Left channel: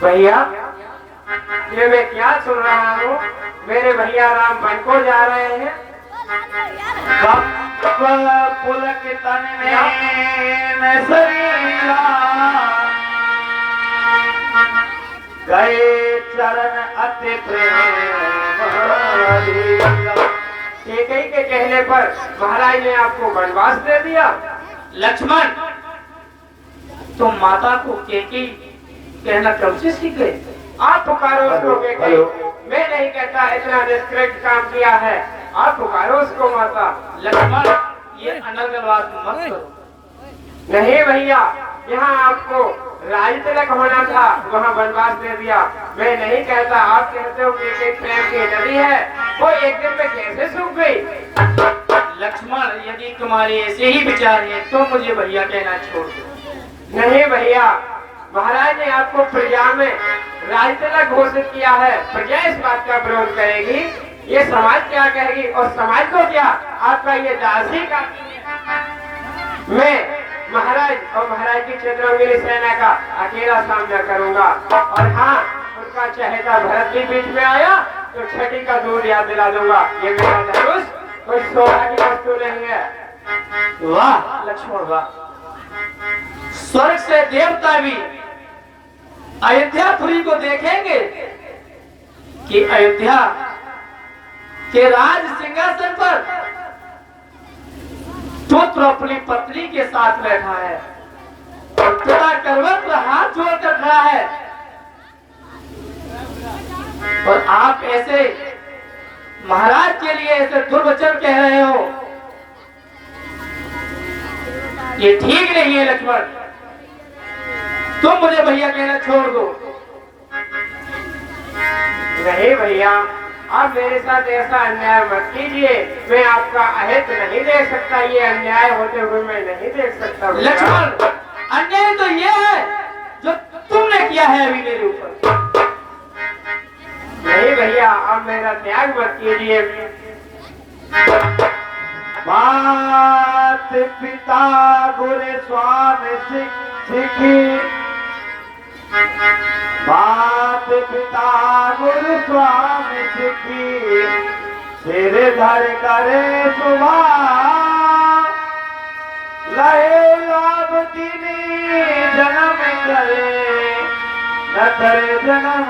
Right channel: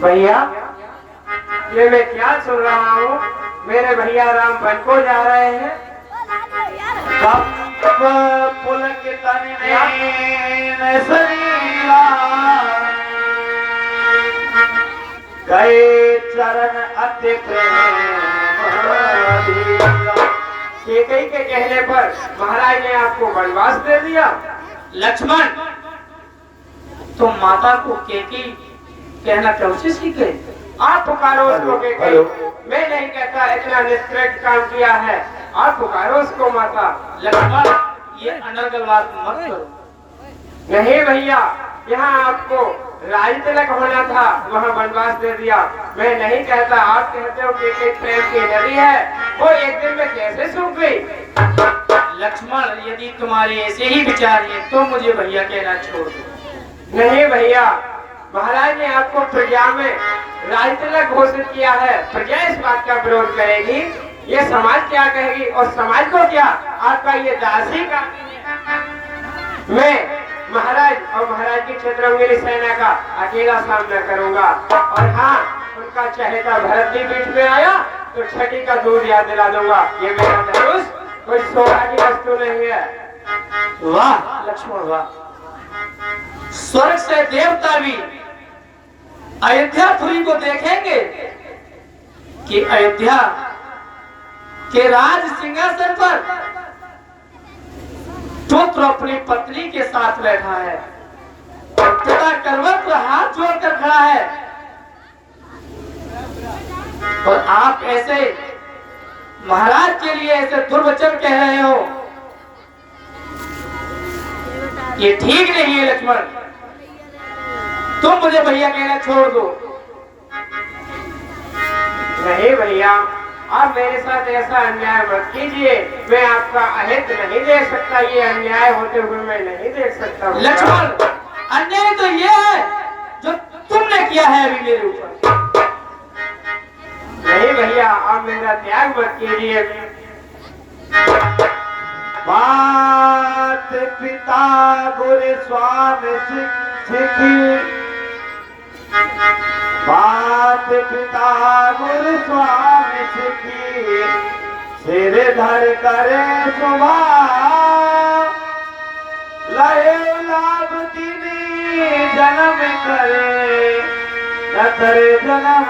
भैया, ये मैं क्या सुन रहा हूँ? मेरे भैया राम वन को जा रहे हैं। पुलक तन में शरीरा गए चरण अति प्रेम। केकई के कहने पर महाराज ने आपको वनवास दे दिया। लक्ष्मण, तुम माता को केकई कहना कब से सीखे? आप पुकारो उसको केकई। मैं नहीं कहता इतना निष्कृत काम किया है। आप पुकारो उसको माता। लक्ष्मण, ये अनर्गल बात मत करो। नहीं भैया, यहाँ आपको राज तिलक होना था, वहाँ वनवास दे दिया। मैं नहीं कहता। आप कहते हो कि प्रेम की नदी है, वो एक दिन में कैसे सूख गई? लक्ष्मण, यदि तुम्हारे ऐसे ही विचार है तो मुझे भैया कहना छोड़ दो। नहीं भैया, महाराज ने आपको प्रजा में राज तिलक घोषित किया है। प्रजा इस बात का विरोध करेगी, ये समाज क्या कहेगी? और समाज को क्या? आपका ये दासी का मैं महाराज और महाराज की क्षेत्र मेरी सेना का अकेला सामना करूंगा। और हाँ, उनका चहेता भरत भी बीच में आया तो छठी का दूध याद दिला दूंगा। ये मेरा धनुष कोई शोभा की वस्तु नहीं है। वाह लक्ष्मण, वाह! स्वर्ग से देवता भी अयोध्यापुरी को देखेंगे कि अयोध्या के राज सिंहासन पर पुत्र अपनी पत्नी के साथ बैठा है और पिता करवट पर हाथ जोड़कर खड़ा है, और आप ऐसे महाराज के लिए ऐसे दुर्वचन कह रहे हो। ये ठीक नहीं है लक्ष्मण। तुम मुझे भैया कहना छोड़ दो। नहीं भैया, आप मेरे साथ ऐसा अन्याय मत कीजिए। मैं आपका अहित नहीं देख सकता। ये अन्याय होते हुए मैं नहीं देख सकता। लक्ष्मण, अन्याय तो ये है जो तुमने किया है अभी मेरे ऊपर। नहीं भैया, आप मेरा त्याग मत कीजिए। मात पिता गुरु स्वामी सिख, मात पिता गुरु स्वामी सिखी, सिर धर करे सुबह लहे लाभ दीनी जन्म करे नथर जन्म।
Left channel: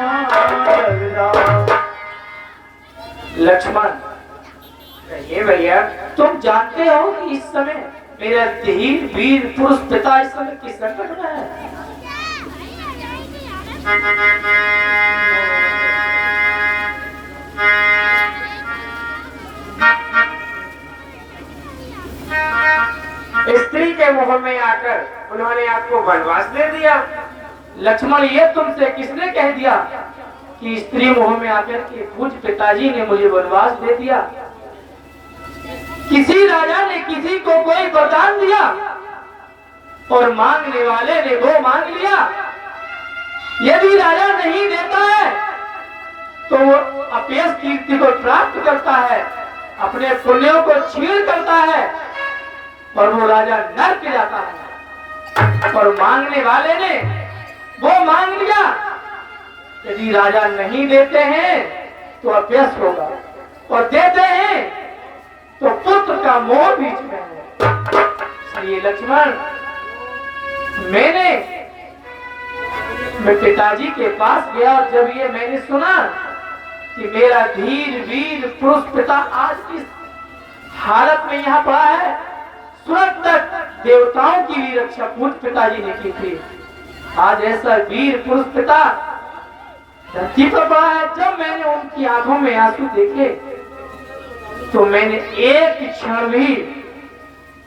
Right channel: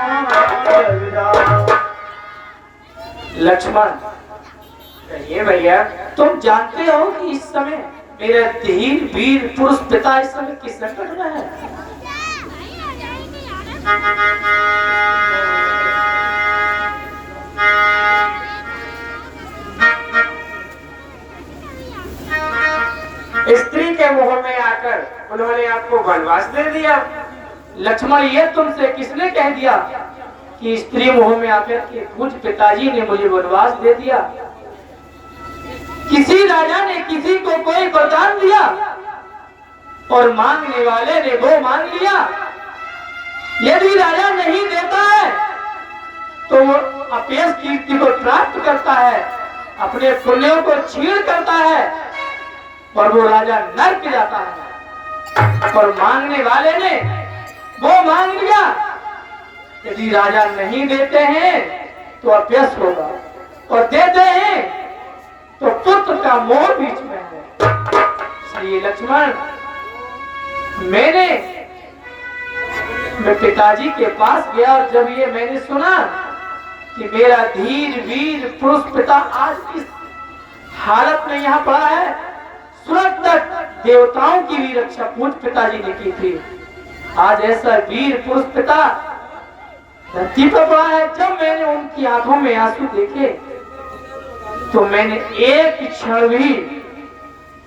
लक्ष्मण, ये भैया, तुम जानते हो कि इस समय मेरा धीर वीर पुरुष पिता इस समय किस संकट में है? स्त्री के मुंह में आकर उन्होंने आपको वनवास दे दिया। लक्ष्मण, ये तुमसे किसने कह दिया कि स्त्री मुंह में आकर के पूज पिताजी ने मुझे वनवास दे दिया? किसी राजा ने किसी को कोई वरदान दिया और मांगने वाले ने वो मांग लिया। यदि राजा नहीं देता है तो वो अपेश कीर्ति को प्राप्त करता है, अपने पुण्यों को छीन करता है और वो राजा नर्क जाता है। और मांगने वाले ने वो मांग लिया। यदि राजा नहीं देते हैं तो अपेश होगा, और देते हैं तो पुत्र का मोह बीच में है। इसलिए लक्ष्मण, मैं पिताजी के पास गया और जब ये मैंने सुना कि मेरा धीर वीर पुरुष पिता आज इस हालत में यहाँ पड़ा है, तुरंत तक देवताओं की भी रक्षा पूज पिताजी ने की थी। आज ऐसा वीर पुरुष पिता धरती पर पड़ा है। जब मैंने उनकी आंखों में आंसू देखे तो मैंने एक क्षण भी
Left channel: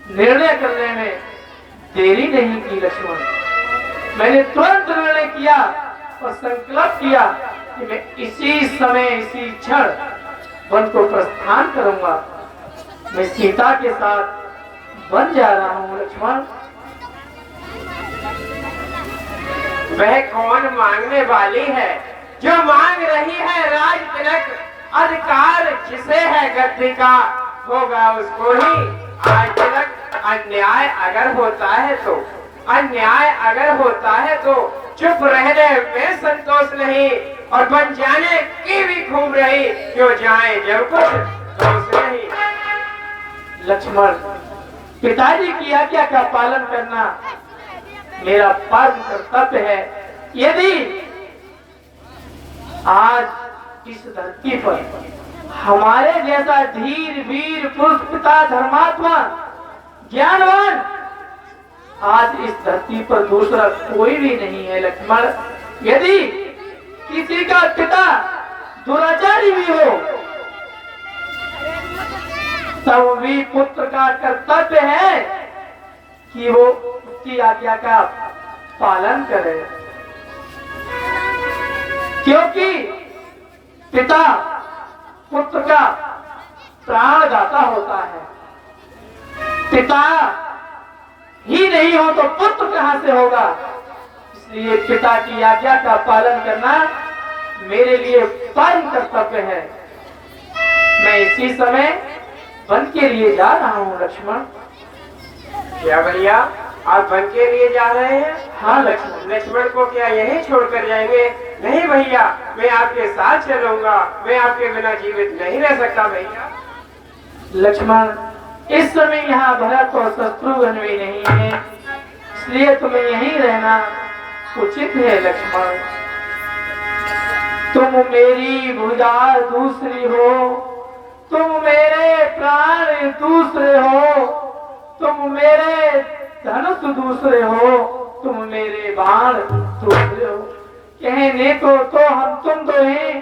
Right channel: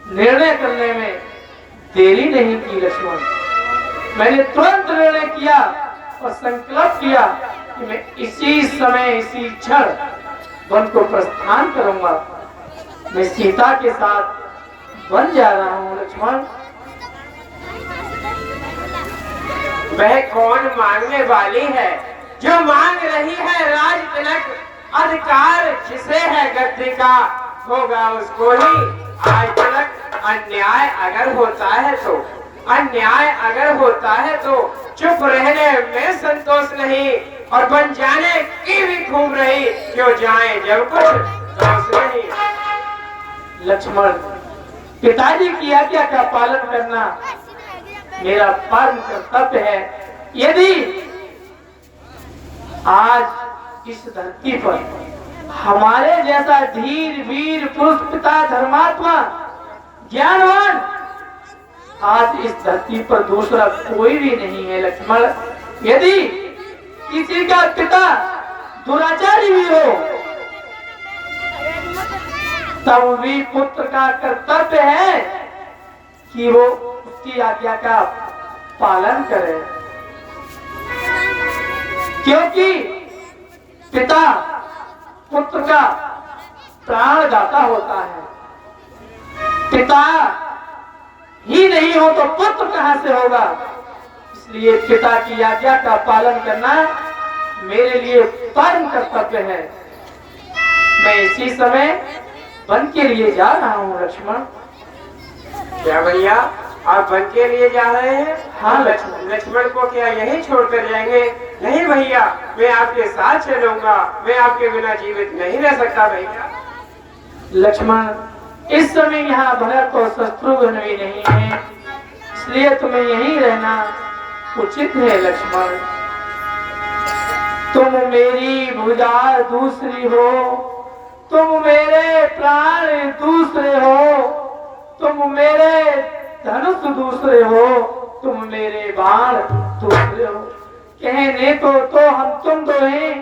निर्णय करने में देरी नहीं की लक्ष्मण। मैंने तुरंत निर्णय किया और संकल्प किया कि मैं इसी समय इसी क्षण वन को प्रस्थान करूंगा। मैं सीता के साथ वन जा रहा हूँ लक्ष्मण। वह कौन मांगने वाली है जो मांग रही है राज तिलक? अधिकार जिसे है गद्दी का होगा उसको ही आज तिलक। अन्याय अगर होता है तो अन्याय अगर होता है तो चुप रहने में संतोष नहीं, और बन जाने की भी खूब रही, क्यों जाए जब कुछ दोष नहीं। लक्ष्मण, पिताजी की आज्ञा का पालन करना मेरा परम कर्तव्य है। यदि आज इस धरती पर हमारे जैसा धीर वीर पुरुष पिता धर्मात्मा ज्ञानवान आज इस धरती पर दूसरा कोई भी नहीं है लक्ष्मण। यदि किसी का पिता दुराचारी भी हो तब भी पुत्र का कर्तव्य है कि वो उसकी आज्ञा का पालन करे, क्योंकि पिता पुत्र का प्राणदाता होता है। पिता ही नहीं हो तो पुत्र कहां से होगा। इसलिए पिता की आज्ञा का पालन करना मेरे लिए परम कर्तव्य है। मैं इसी समय वन के लिए जा रहा हूँ लक्ष्मण। क्या भैया, आप वन के लिए जा रहे हैं? हाँ लक्ष्मण। लक्ष्मण को क्या यहीं छोड़कर जाएंगे? नहीं भैया, मैं आपके साथ चलूंगा, मैं आपके बिना जीवित नहीं रह सकता भैया। लक्ष्मण, इस समय यहाँ भरत और शत्रुघ्न भी नहीं है, इसलिए तुम्हें यहीं रहना उचित है लक्ष्मण। तुम मेरी भुजा दूसरी हो, तुम मेरे प्राण दूसरे हो, तुम मेरे धनुष दूसरे हो, तुम मेरे बाण दूसरे हो। कहने को तो हम तुम दो हैं,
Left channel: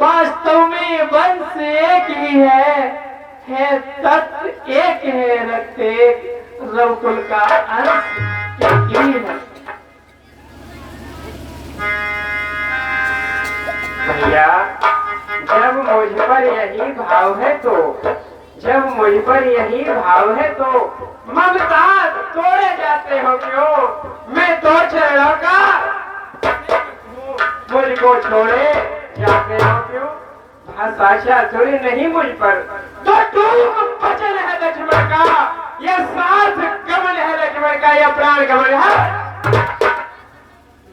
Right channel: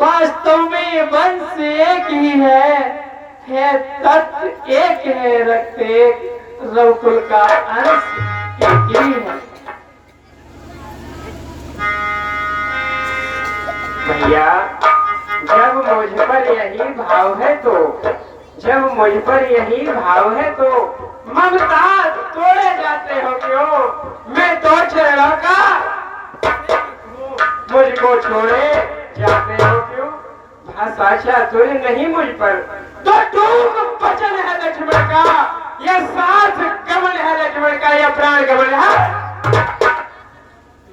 वास्तव में वंश एक ही है तत्व एक है, रक्त एक, रघुकुल का अंश एक ही है। भैया, जब मुझ पर यही भाव है तो, जब मुझ पर यही भाव है तो ममता तोड़े जाते हो क्यों? मैं तो चरणों का मुझको छोड़े जाते हो क्यों? भाषा चातुर्य नहीं मुझ पर, तो टूक वचन है लक्ष्मण का, यह साथ गमन है लक्ष्मण का, यह प्राण गमन है।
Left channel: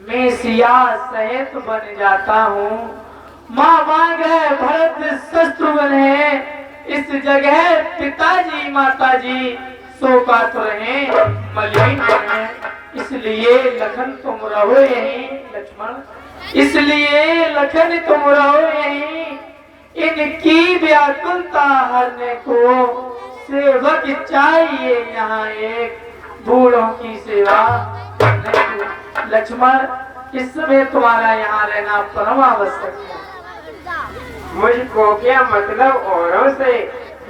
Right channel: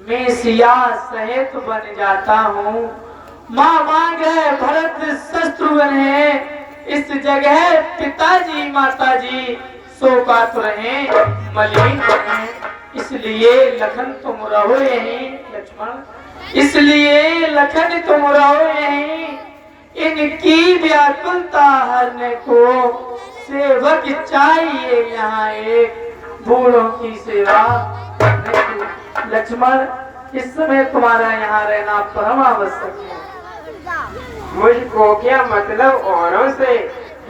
मैं सिया सहित बन जाता हूँ, माँ मांग है भरत शत्रुघ्न है, इस जगह पिताजी माताजी शोकातुर हैं, मलिन हैं। इसलिए लखन तुम रहो यहीं लक्ष्मण, इसलिए लखन तुम रहो यहीं। इनकी व्याकुलता हरने को सेवक चाहिए यहाँ एक, बूढ़ों की सेवा करने को। लक्ष्मण, इस समय तुम्हारा यहाँ रहना परम आवश्यक है। मुझको क्या मतलब औरों से,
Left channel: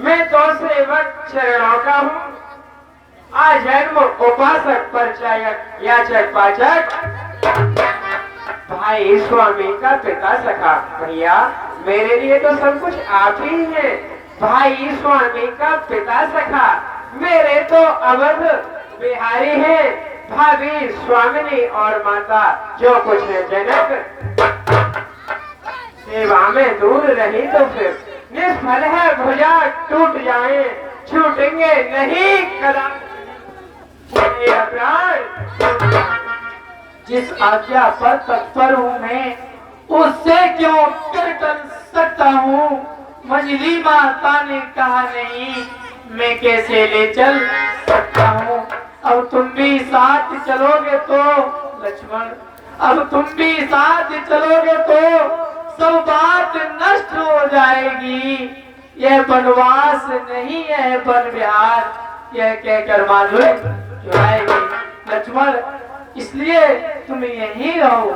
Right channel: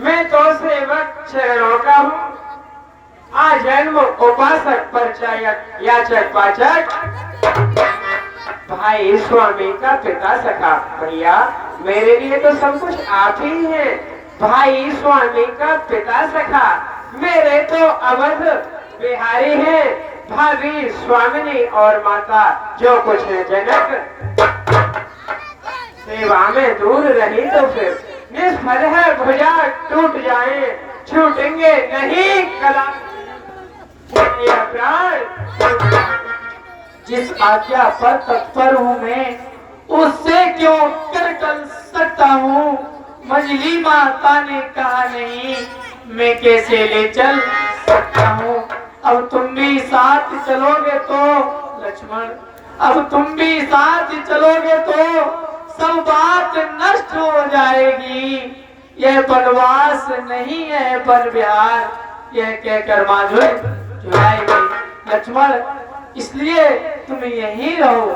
मैं तो सेवक चरणों का हूँ, आजन्म उपासक परिचायक याचक पाचक, भाई स्वामी का पिता सखा। भैया, मेरे लिए तो सब कुछ आप ही हैं, भाई स्वामी का पिता सखा, मेरे तो अवध बिहारी हैं, भाभी स्वामिनी और माता जो कुछ है जनक। सेवा में दूर रही तो फिर निष्फल है, भुजा टूट जाए, छूटेंगे नहीं कदापि प्राण। जिस आज्ञा पर तत्पर हूँ मैं, उससे क्यों कर सकता हूँ। मजली माता ने कहा नहीं, मैं कैसे ले चल सकता हूँ। अब तुम भी साथ चलोगे तो लक्ष्मण, अब तुम भी साथ चलोगे तो सब बात नष्ट हो जाएगी। यह वनवास नहीं है वन विहार, यह कहकर माधुर्य चुराएगी लक्ष्मण, इसलिए तुम यहीं रहो।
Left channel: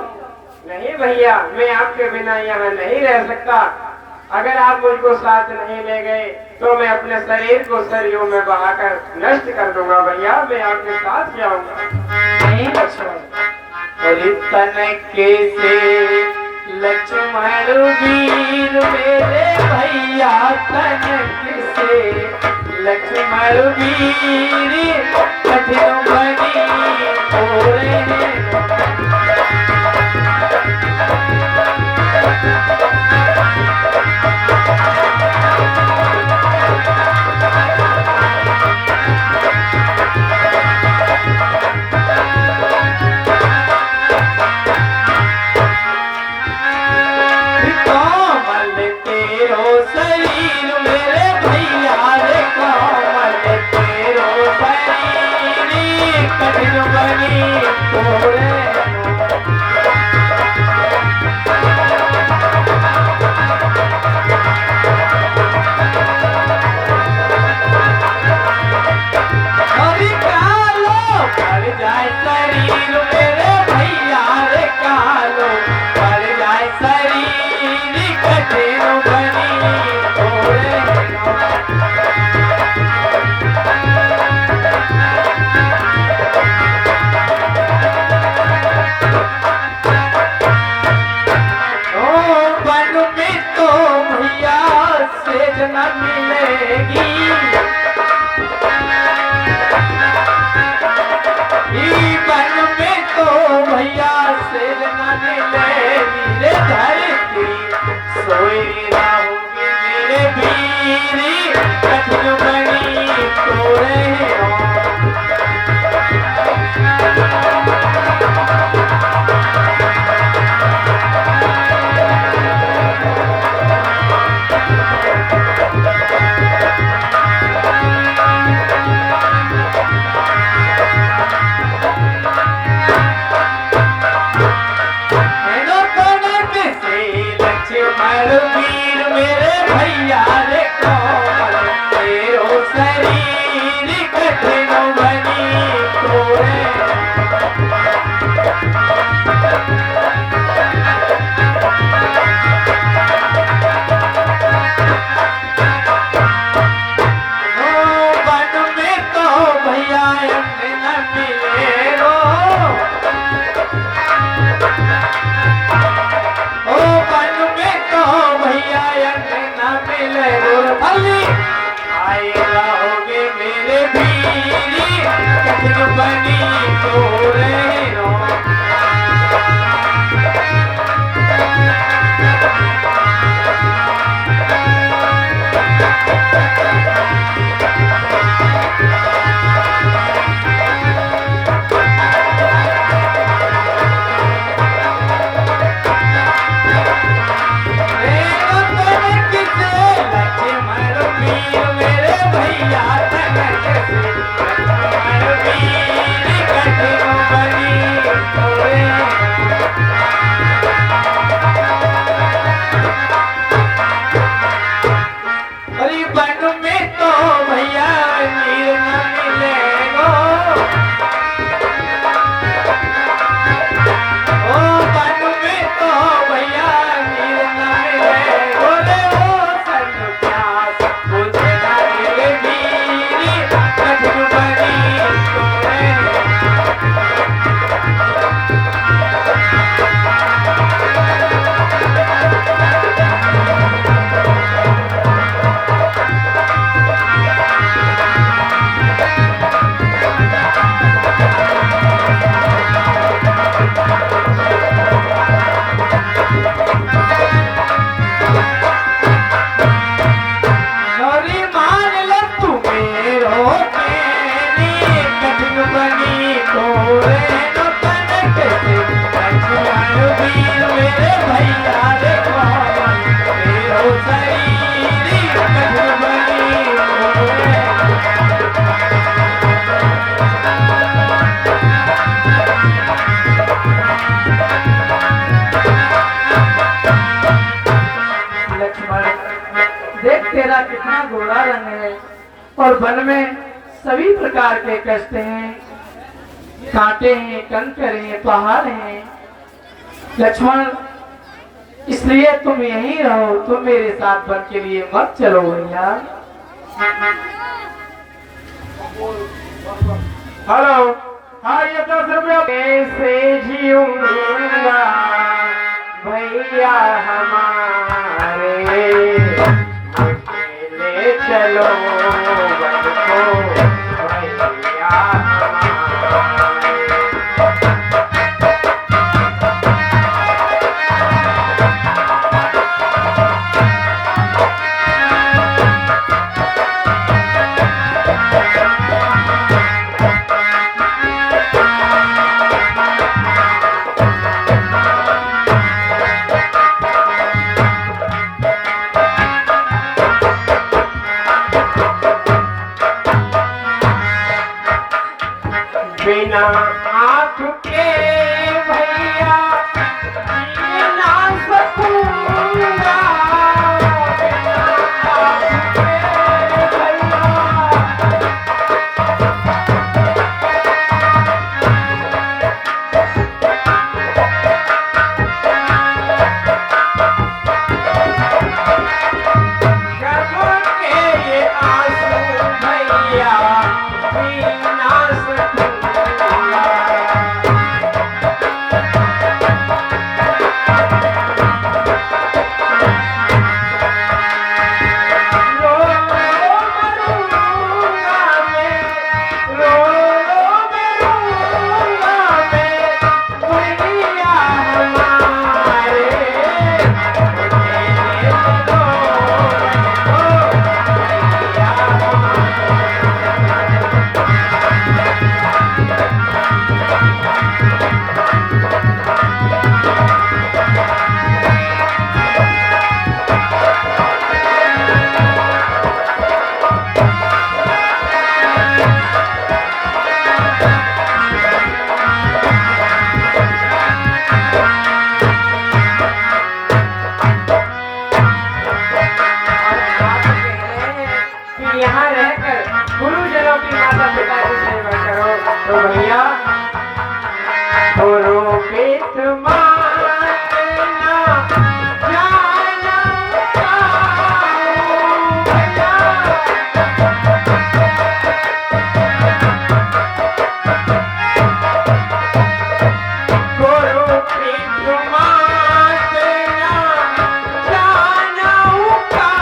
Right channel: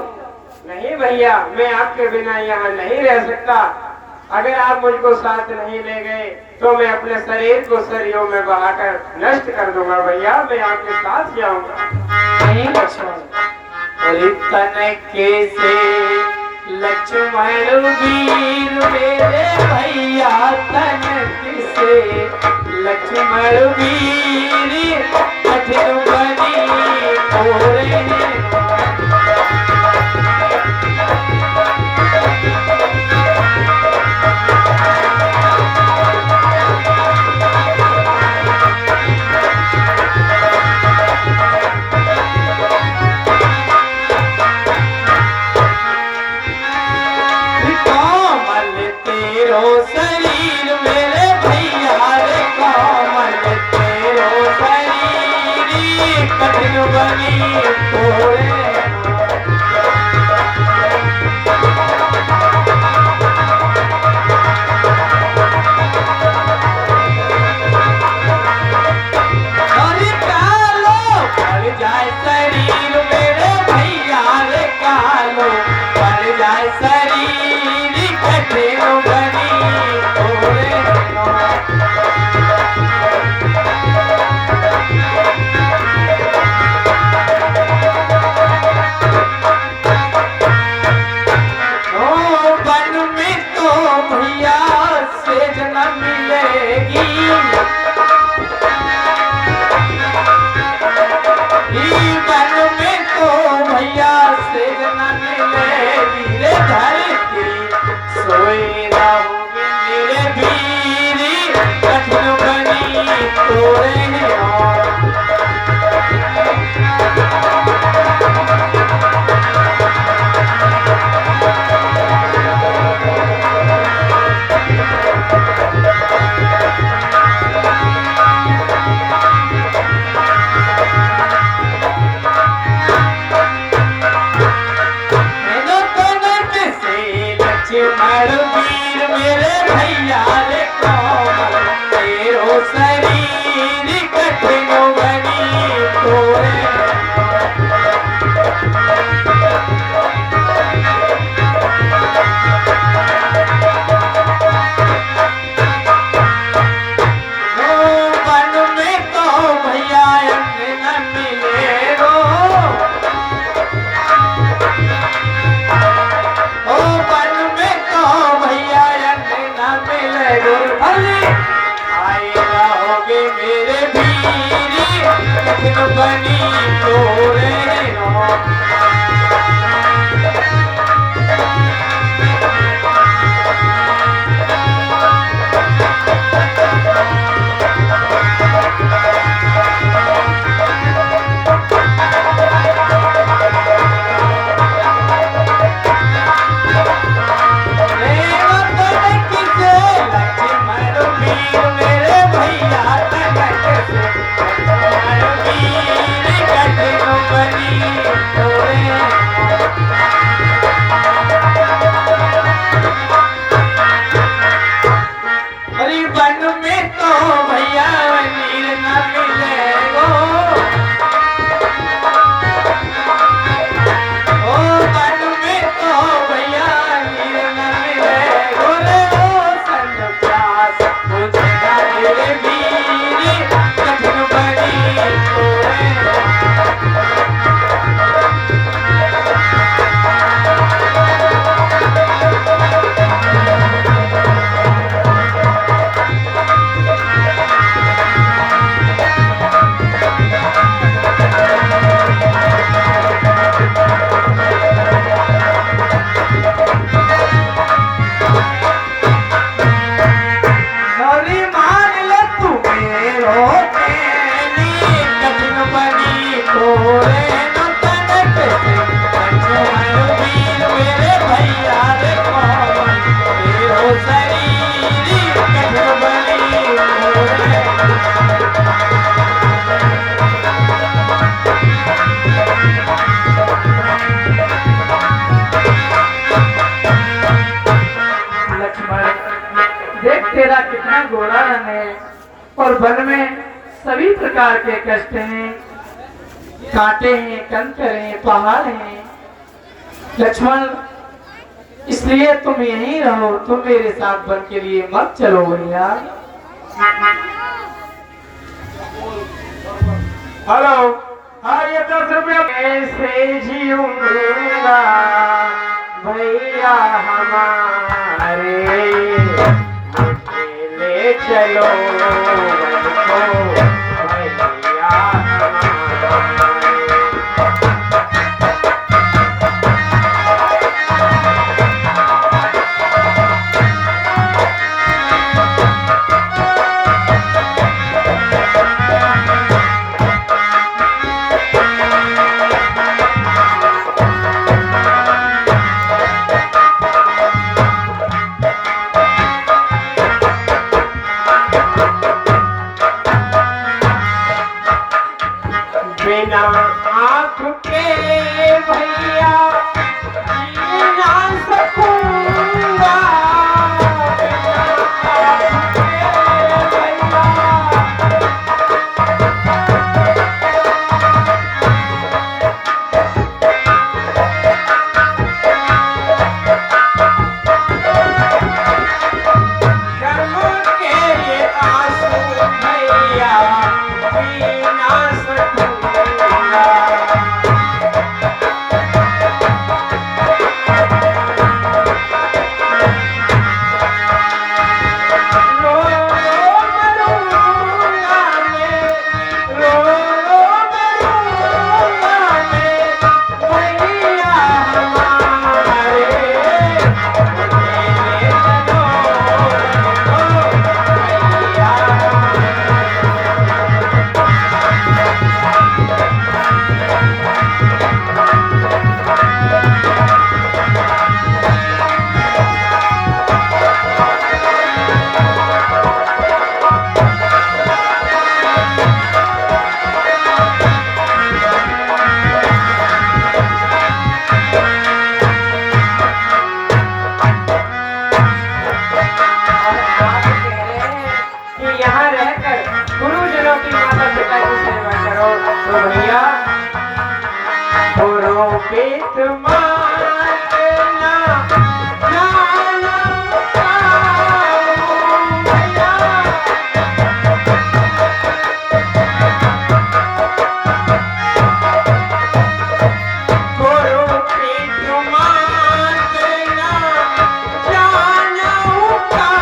नहीं भैया, मैं आपके बिना यहाँ नहीं रह सकता। अगर आप मुझको साथ नहीं ले गए तो मैं अपने शरीर को सरियों में बहाकर नष्ट कर दूंगा। भैया, मैं आपके साथ जाऊंगा। नहीं लक्ष्मण, तन कैसे लक्ष्मण वीर मेरे भैया, तन कैसे लक्ष्मण वीर, कठिन बनी ओरे। बनी तोरे अरे कालो पड़ जाए शरीर मेरे भैया रे कालो पड़ जाए शरीर कठिन बनी तोरे सोए रहोगे मेरे वीरी कठिन बनी तोरे वीर मेरे भैया रे कोमल तेरो शरीर कठिन बनी तोरे वन में तो भैया न मिले रो आए रहोगे मेरे वीरी कठिन बनी तोरे देख तेरा कितना गोरा रंग है और वन में सभी प्रकार के कष्ट हैं, कांटे हैं, कंकर हैं, पहाड़ हैं। लक्ष्मण इसलिए तुम यहीं रहो, तुम मेरे साथ वन के लिए मत चलो भैया। हेलो, हाँ ये 10 रुपया कैसे जीऊंगा भैया हमारे, ले चलो वन को भैया हमारे। हाथ के भैया जी ना सकूंगा, बिना हाथ के भैया। कर्म के ये आंसू भैया पी ना सकूंगा। रो रो मरूंगा मैं, रो रो मरूंगा मैं, भैया हमारे मेरे चलो भैया और आप कह रहे हैं कि यहाँ रहकर गुरुजनों की माता पिता की सेवा करो, तो भैया गुरु बेट मारना जानम पाऊं भैया। गुरु बेट मारना जानम पाऊं।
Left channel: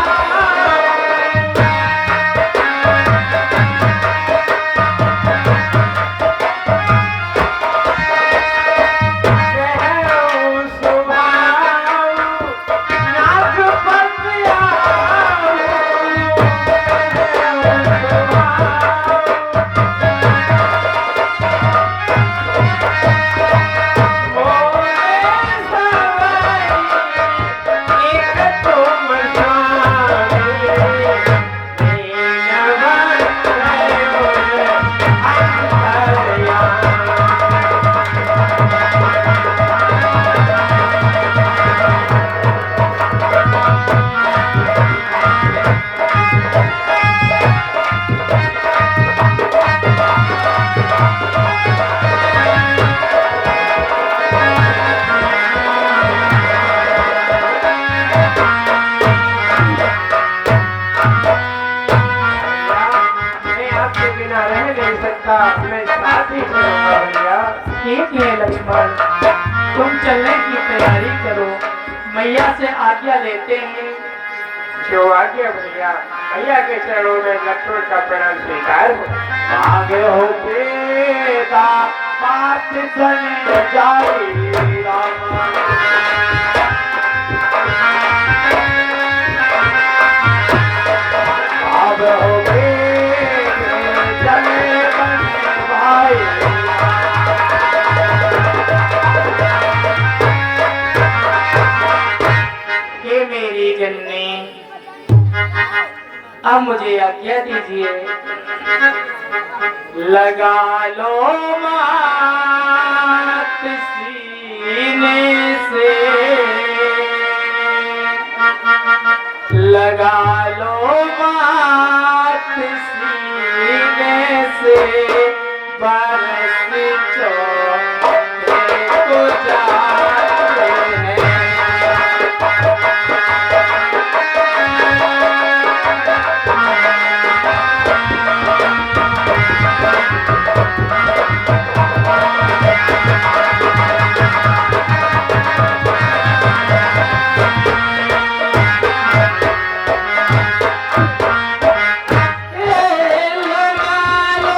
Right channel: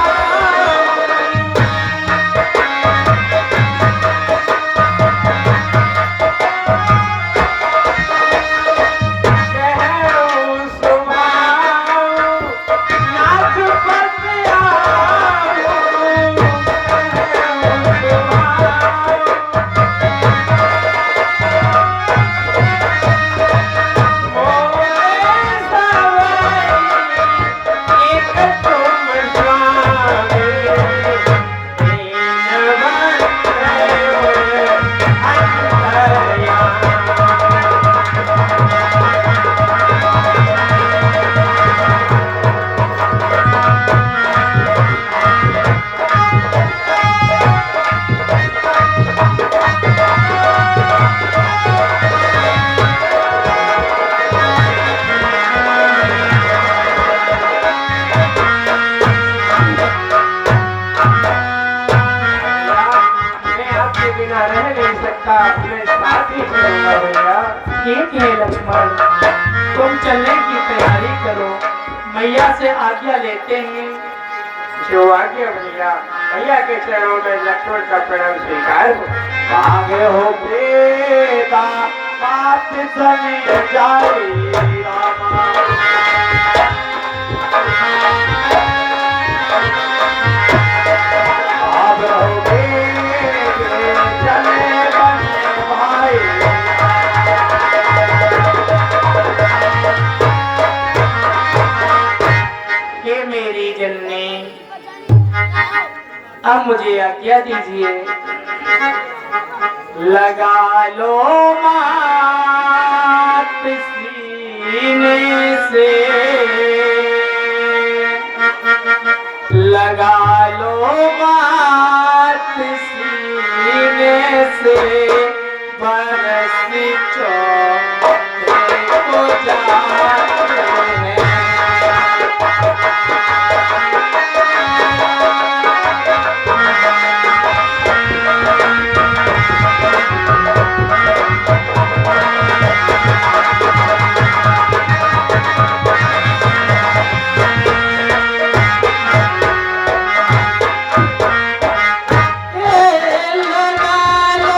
मैं आपके बिना रह नहीं सकता, मैं साथ ही चलूंगा भैया। ठीक है लक्ष्मण, तुम चलने की तैयारी करो, मैया से आज्ञा लेते हैं। जो आज्ञा भैया, भैया के चरणों में लक्ष्मण का प्रणाम स्वीकार हो। आगे हो बेटा बात सुन जाई रामा। आगे हो बेटे चले बने भाई। ये मेरी जननी, अब मुझे आज्ञा दीजिए। लगा लो मात सीने से, लगा लो मात सीने से, बरस चौथे को जाते हैं। लगा लो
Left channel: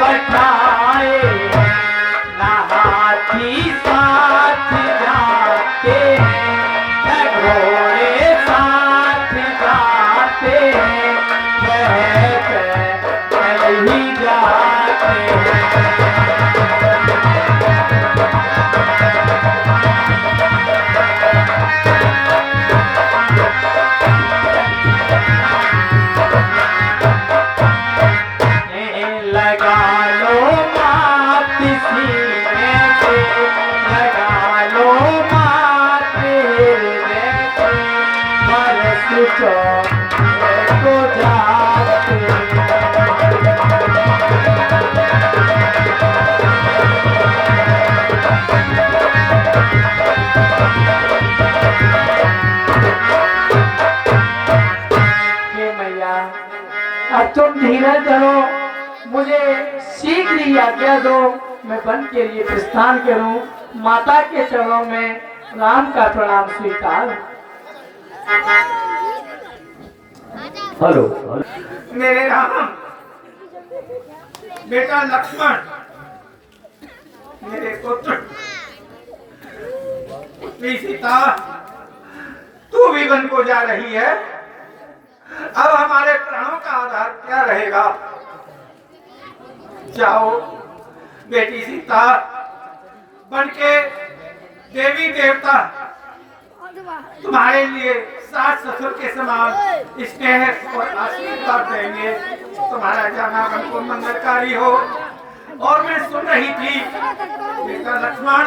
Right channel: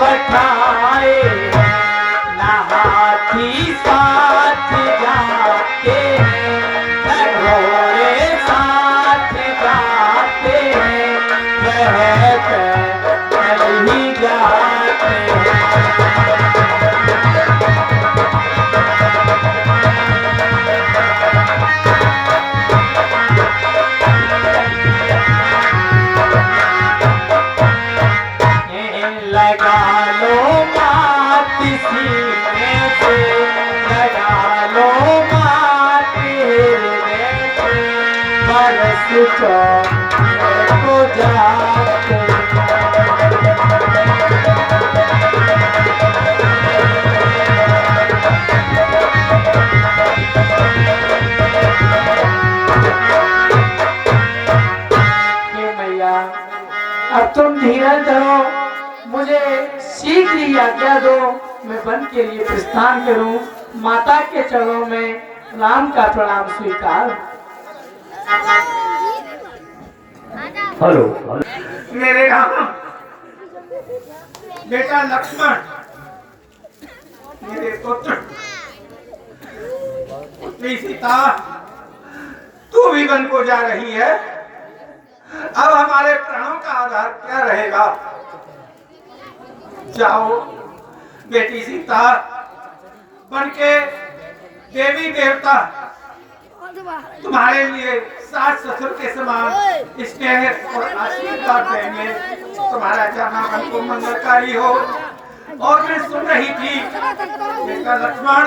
पठाए ना हाथी साथ जाते न घोड़े साथ जाते वह पैदल ही जाते लगा लो मात सीने से लगा लो मात हृदय से बरस को जाते हे मैया अब तुम धीरज धरो मुझे शीघ्र ही आज्ञा दो मैं वन के लिए प्रस्थान करूं माता के चरणों में राम का प्रणाम स्वीकार हेलो मेरे राम बेटा लक्ष्मण मेरे पुत्र पुत्री सीता तू भी वन को जा रही है अब हमारे प्राणों का आधार क्या रहेगा जाओ बेटी सीता बन के देवी देवता तुम्हारे लिए सास ससुर के समान स्नेह और आशीर्वाद देंगे तुम्हारा जाना मन को मंगलकारी हो और मैं सुन रही थी बेटा लक्ष्मण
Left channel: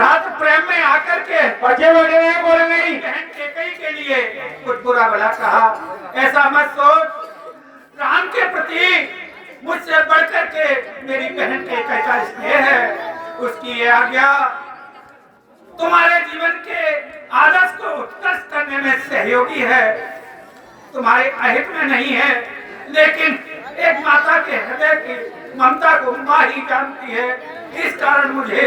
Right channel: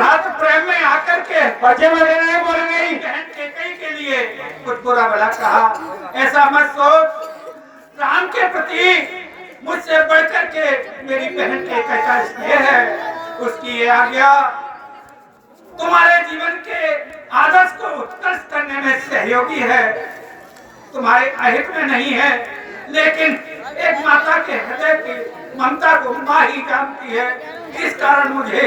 रात प्रेम में आकर के बचे वगैरह बोल गई बहन केकई के लिए कुछ बुरा भला कहा ऐसा मत सोच राम के प्रति मुझसे बढ़कर के मेरी बहन के कैसा स्नेह है उसकी ये आज्ञा तुम्हारे जीवन के आदर्श को उत्कर्ष करने में सहयोगी है तुम्हारे अहित में नहीं है लेकिन एक माता के हृदय की ममता को माँ ही जानती है इस कारण मुझे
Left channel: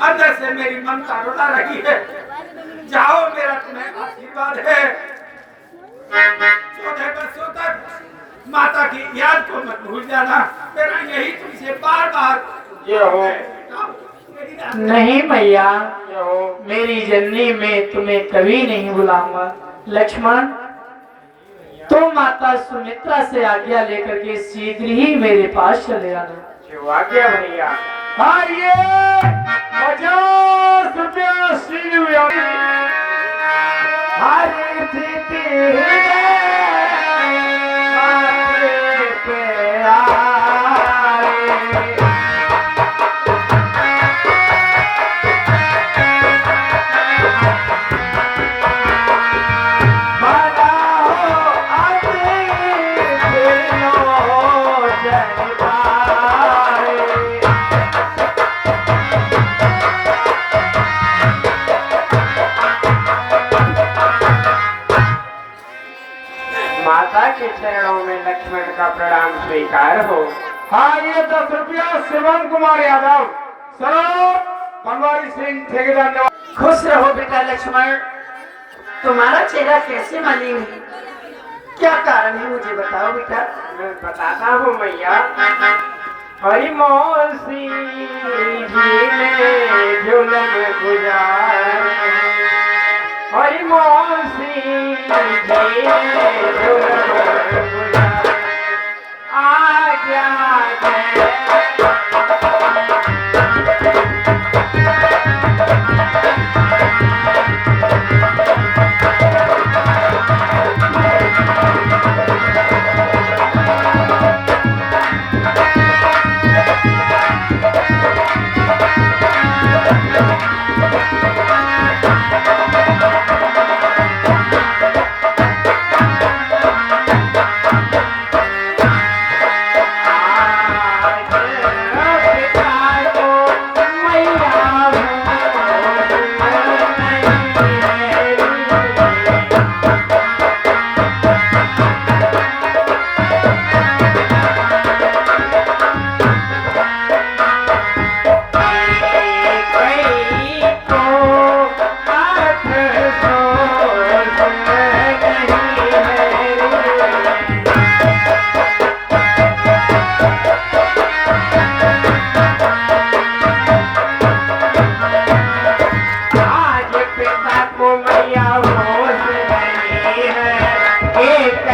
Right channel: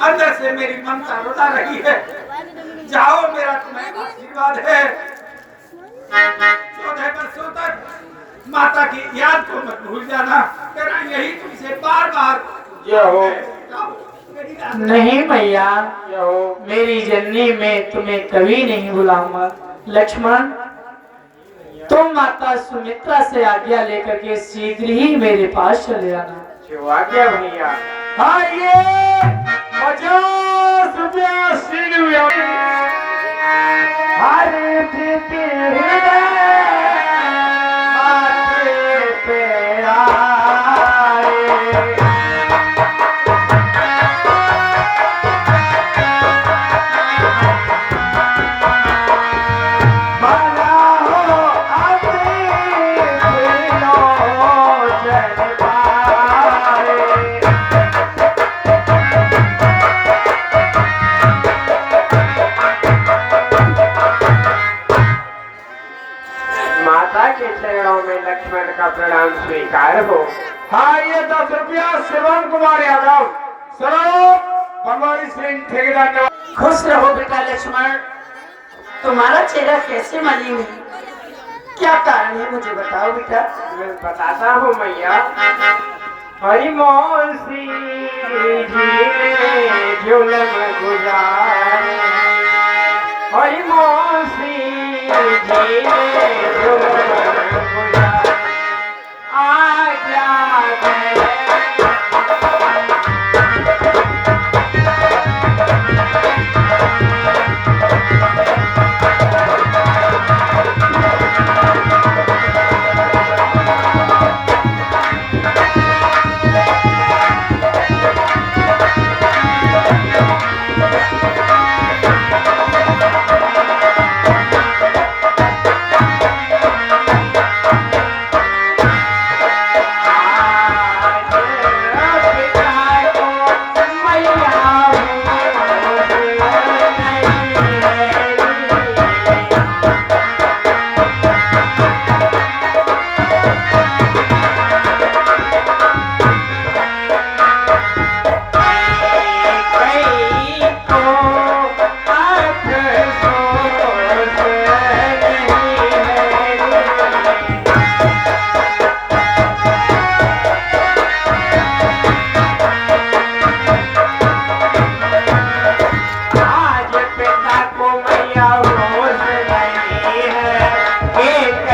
अंदर से मेरी ममता रुला रही है जाओ मेरा तुम्हें आशीर्वाद है 14 वर्षों तक माता की याद को मत भूल जाना तेरा यही तुमसे बार बार जय हो नहीं मैया जय हो मेरी जननी में तुम्हें कभी नहीं बुलाऊंगा लक्ष्मण तुम माता सुमित्रा से आज्ञा लेकर के शीघ्र ही मेरे पास चले आना जो आज्ञा भैया आइए 50 रुपया सिलवा हरे प्रीति माथे पे आए माता के चरणों में लक्ष्मण का प्रणाम स्वीकार हो। हाँ ये 10 रुपया श्रवण कुमार यादव सरो बनवारी सिंह ठेकेदार ने खुश रहो बेटा लक्ष्मण तुम्हारा चेहरा कैसे मालूम है क्या कारण है मुझे बताओ बेटा मैं बताता हूँ मैया हरी मौसी जी ने झूलन गुजार हरी मौसी जी ने झूलन गुजार आज्ञा दे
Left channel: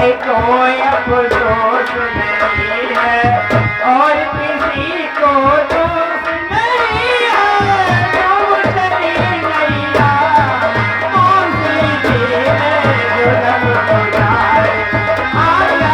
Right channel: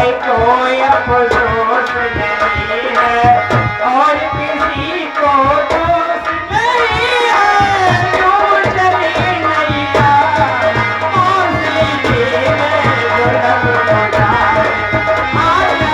है कोई अफसोस नहीं है और किसी को दोष नहीं है। तुम चली नैया मौसी जी ने दुल्हन गुजारे आया।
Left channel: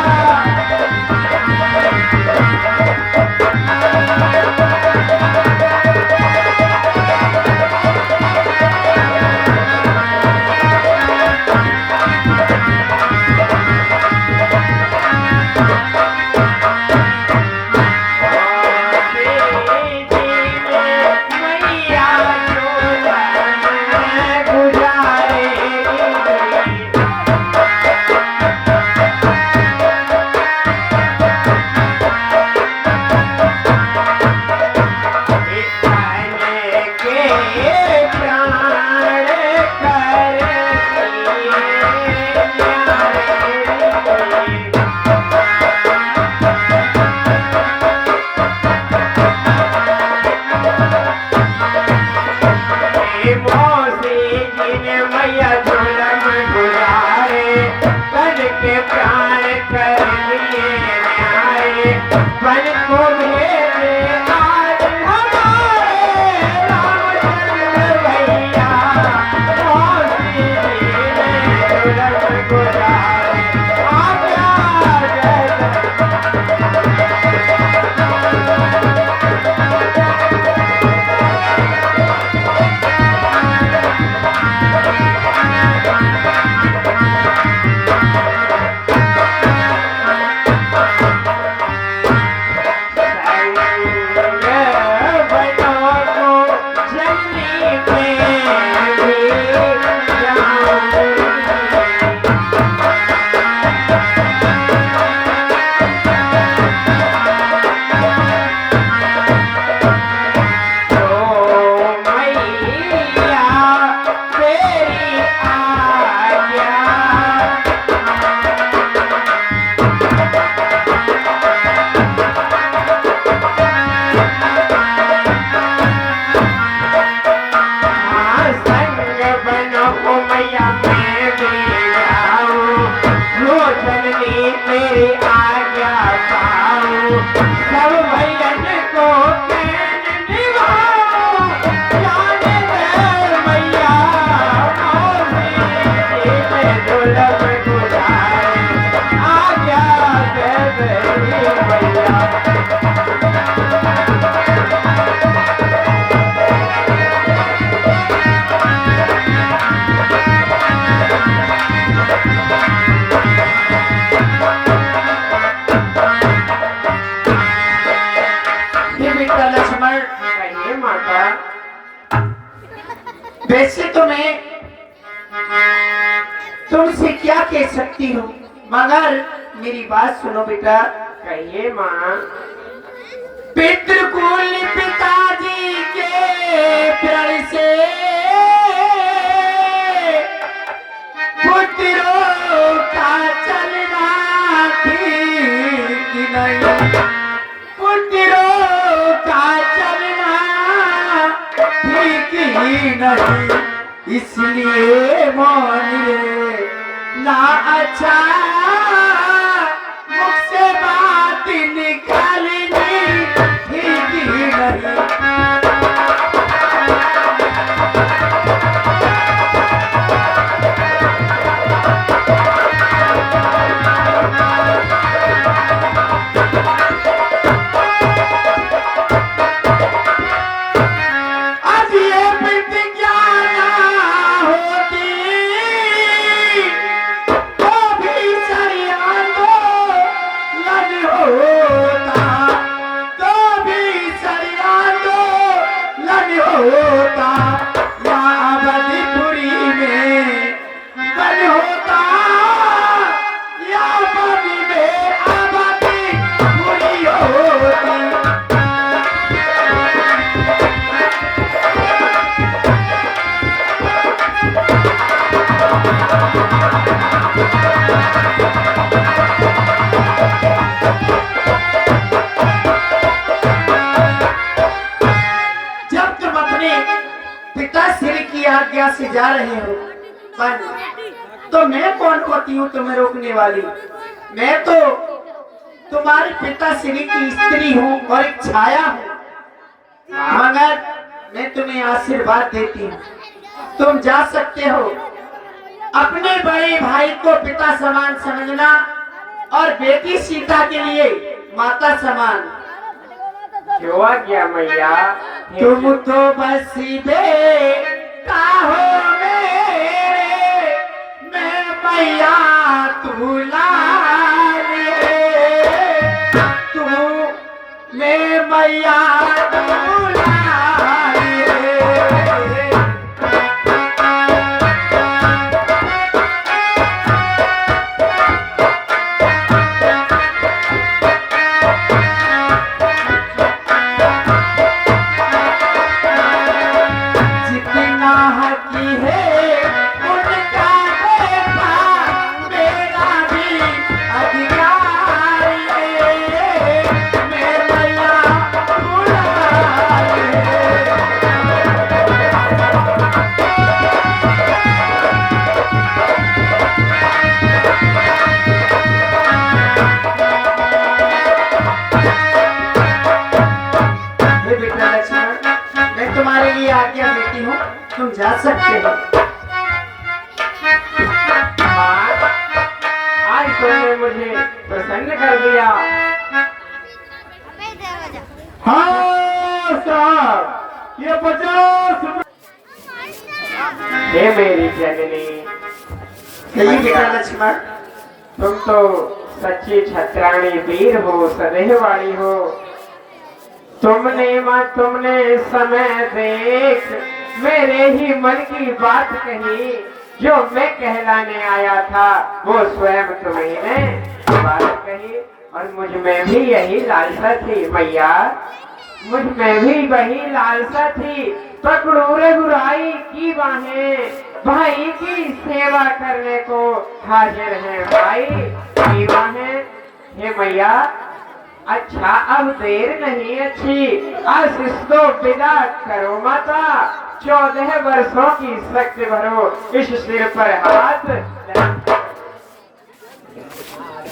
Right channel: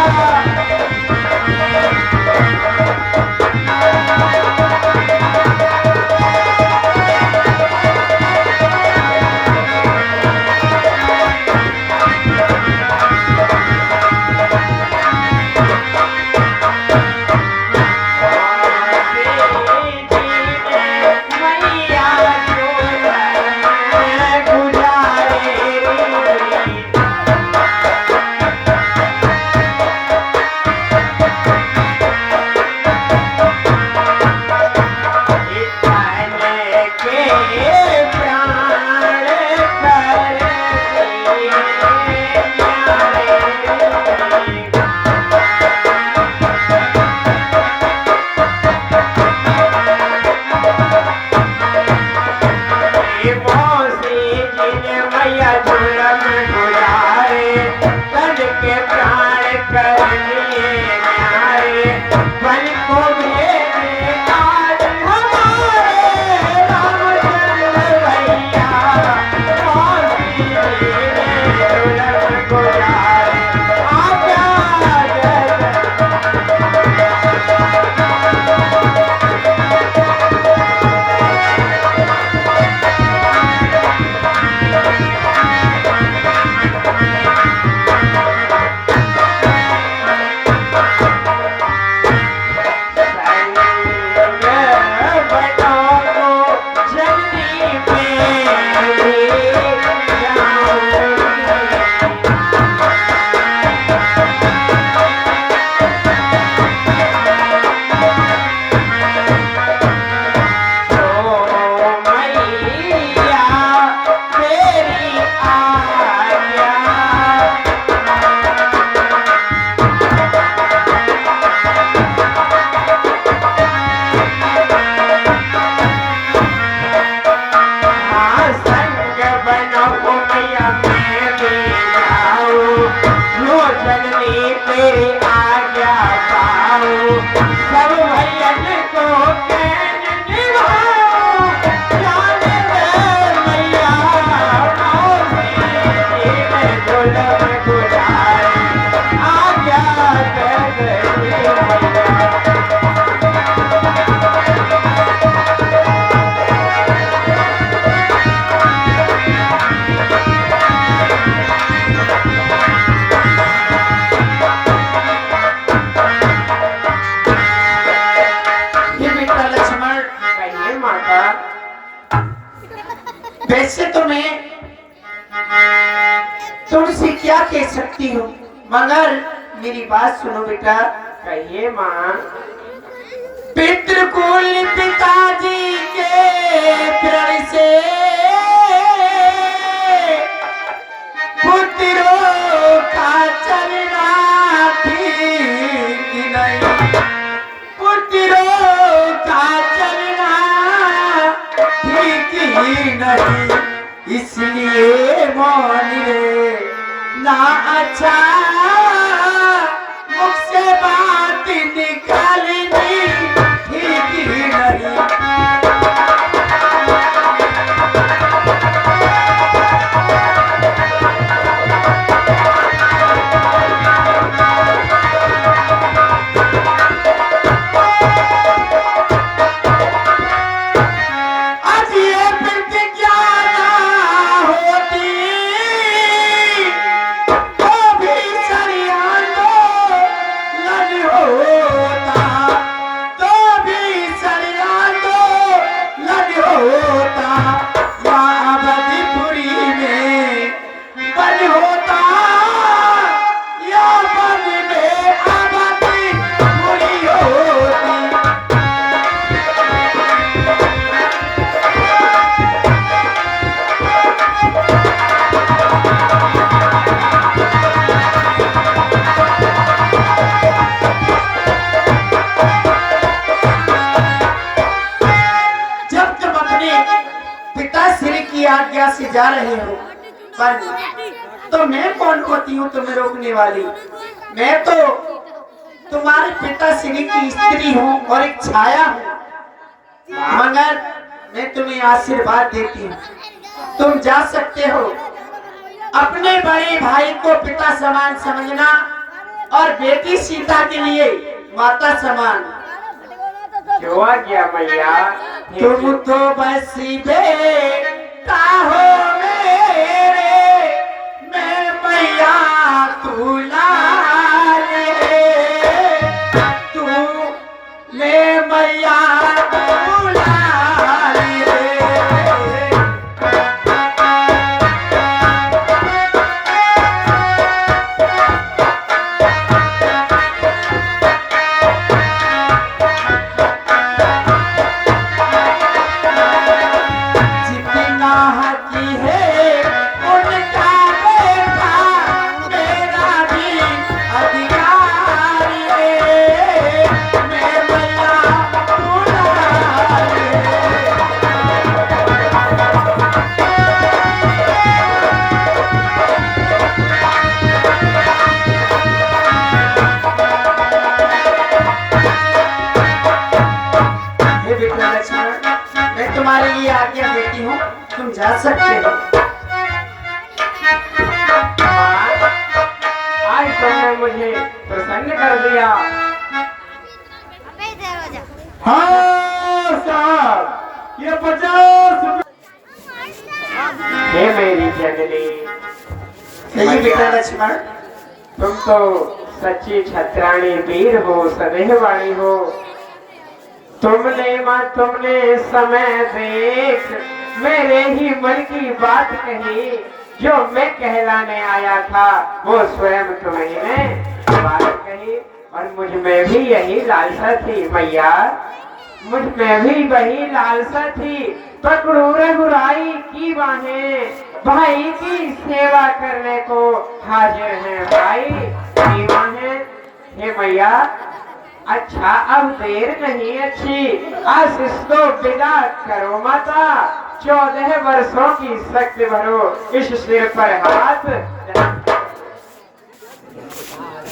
वैसे तो मैं तुमसे क्या कह सकती हूँ, मगर मेरी बात सुनो बेटा। कहिए माँ। पितृकुल पिताजी के प्रण से पुत्रों का चलना ठीक नहीं, पुत्रों का चलना ठीक ही नहीं, इसलिए मान ले ना अच्छा मुख से बात निकालनी ठीक ही नहीं। आज्ञा से जा रहे हो तो मैं कौन होती हूँ तुम्हें रोकने वाली। मैं तो तुम्हारे पिताश्री की स्त्री हूँ और एक छाया हूँ, मगर मैं तुम्हें आशीर्वाद देती हूँ, तुम जा सकते हो। अपने बड़े भाई को पिता समान समझना और बेटी सीता के लिए माता समान। जो आ गया मैया। तुम तो बस बेटा हो मेरे, मैं मैया तू लाल, तू मैं मैया तू लाल। जितना हकी है उनका बेटा, मेरा भी अधिकार है, मैं मैया तू लाल। हे बेटा लक्ष्मण, मैं तुम्हारे लिए आज्ञा देती हूँ, तुम जा सकते हो। माँ, आज तुमने मुझे प्रसन्न कर दिया। हाँ साहब, ये 50। हे मेरी जननी, यही बेटा लक्ष्मण, तुम तो सच्ची छत्राणी वीर हो, सदैवाणी हो। तुमने समय देख मेरे ही मन की बात कही, जो मैं कहलाने आया था वो स्वयं तुम्हें ने बात कही। और मुझ में भी यही लालसा थी मैया, मुझ में भी वही लालसा थी। पकड़ो रघुराई की बाहें, भाई की सेवा करने को हाजिर है भाई की बाहें। हे मैया, अच्छा अब देर नहीं अच्छी, आशीष दो विदा करो माता। 14 वर्षों की शक्ति भरो इस सिर पर हाथ।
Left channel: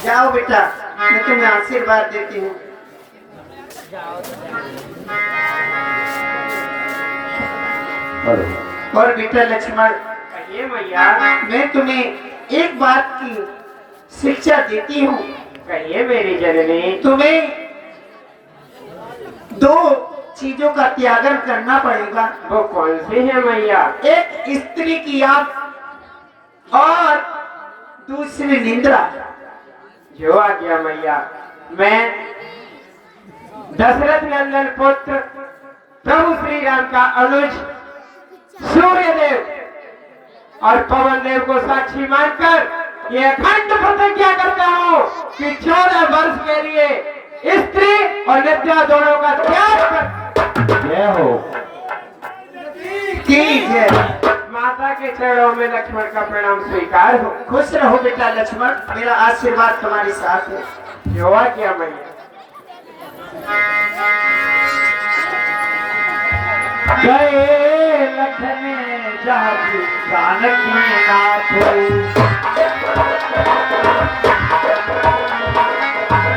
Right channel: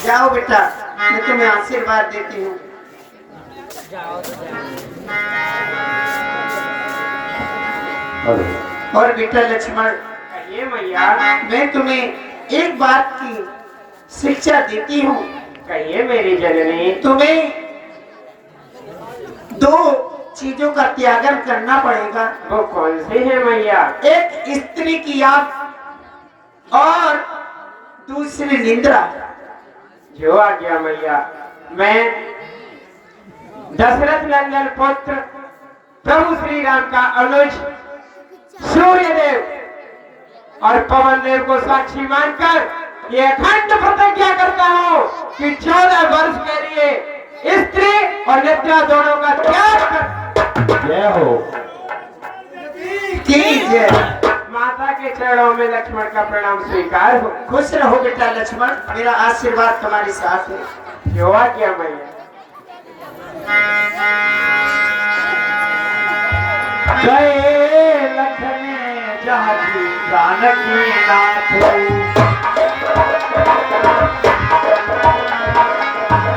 जाओ बेटा, मैं तुम्हें आशीर्वाद देती हूँ। हेलो और बेटा लक्ष्मण, कहिए मैया। मैं तुम्हें एक बात की शिक्षा देती हूँ। कहिए मेरी जननी। तुम्हें 2 चीजों का त्यागन करना पड़ेगा। वो कौन सी है मैया? एक स्त्री की याद और दूसरी निंद्रा। जो आ गया मैया। मैं दशरथ नंदन पुत्र प्रभु श्री राम का अनुज सूर्यदेव और पवन देव को साक्षी मानकर ये अखंड प्रतिज्ञा करता हूँ कि 14 वर्ष के लिए स्त्री और निद्रा दोनों का त्याग कर। जय हो। जय। माता के चरणों में लक्ष्मण का प्रणाम स्वीकार हो। खुश रहो बेटा लक्ष्मण, मेरा आशीर्वाद तुम्हारे साथ है। जो आ गया मैया। गए लखन जाति जानकी नाथ,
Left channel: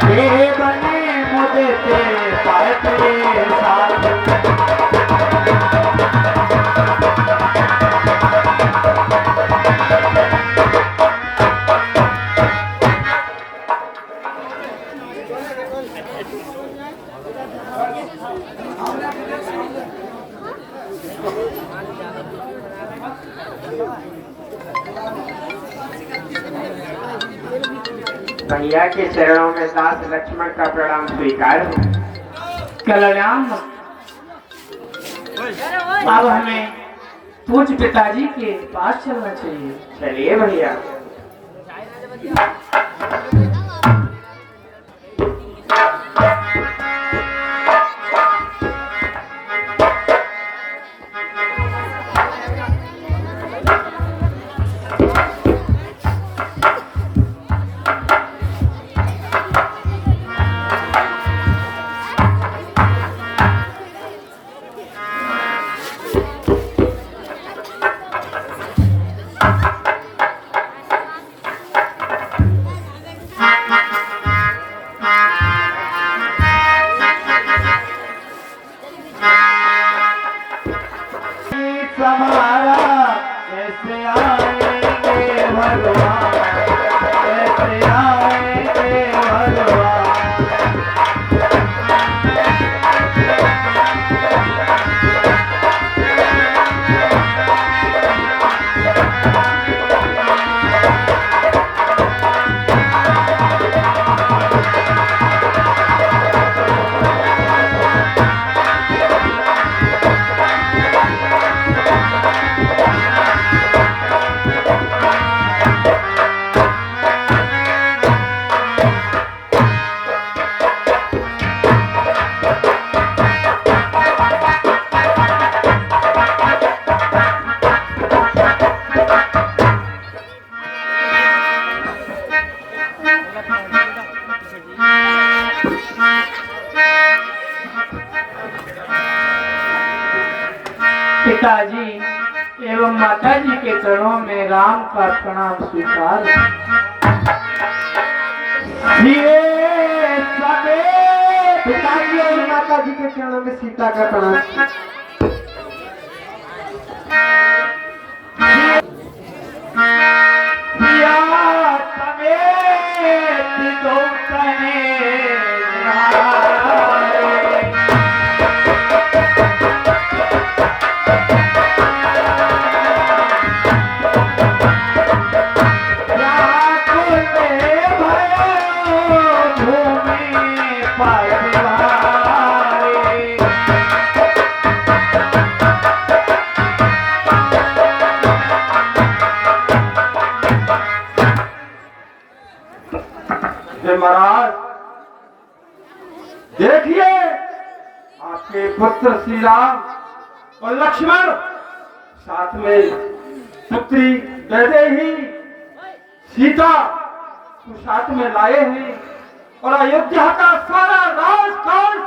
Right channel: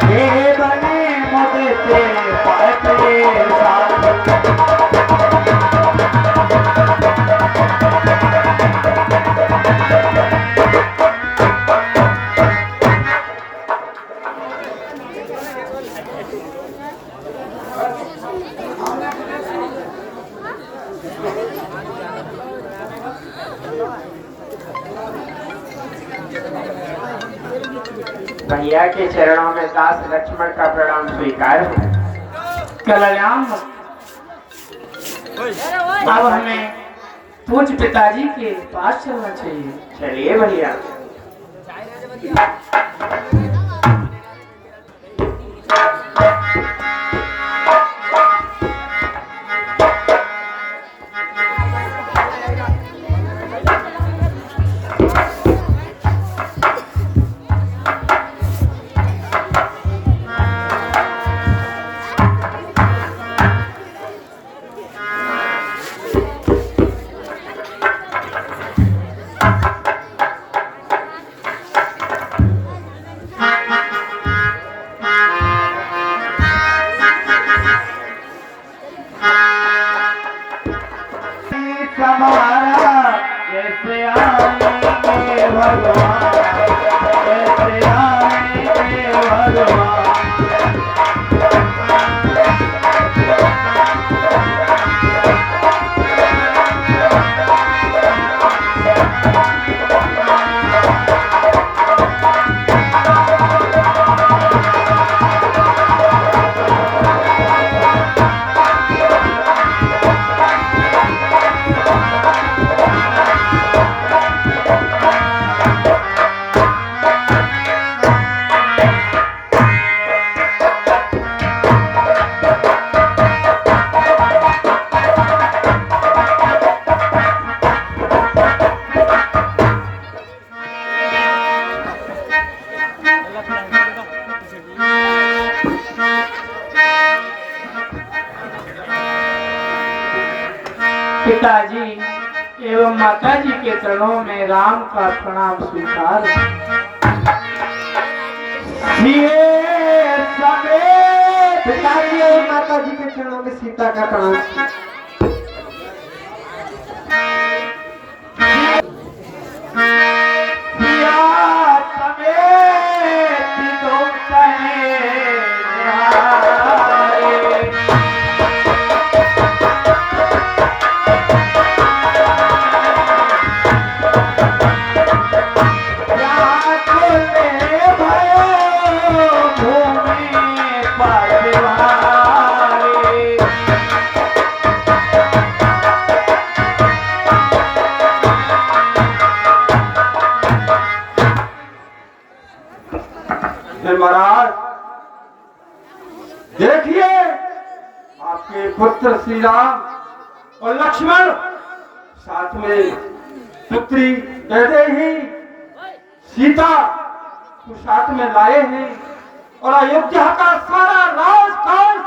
ये बने मुझे तेरे पाते साथ। भैया के चरणों में दास लक्ष्मण का प्रणाम स्वीकार हो। कल्याण। अब हमें पूज्य पिताजी के पास चलना चाहिए। चलिए भैया। पिताजी एवं माता जी के चरणों में राम का प्रणाम स्वीकार। पिताजी एवं माता जी के चरणों में सीता का प्रणाम। महाराज देखिए, आपके पुत्र श्री राम और लक्ष्मण साथ में पुत्री वैदेही सीता को साथ में लाए हैं और अयोध्या का सारा राजकाज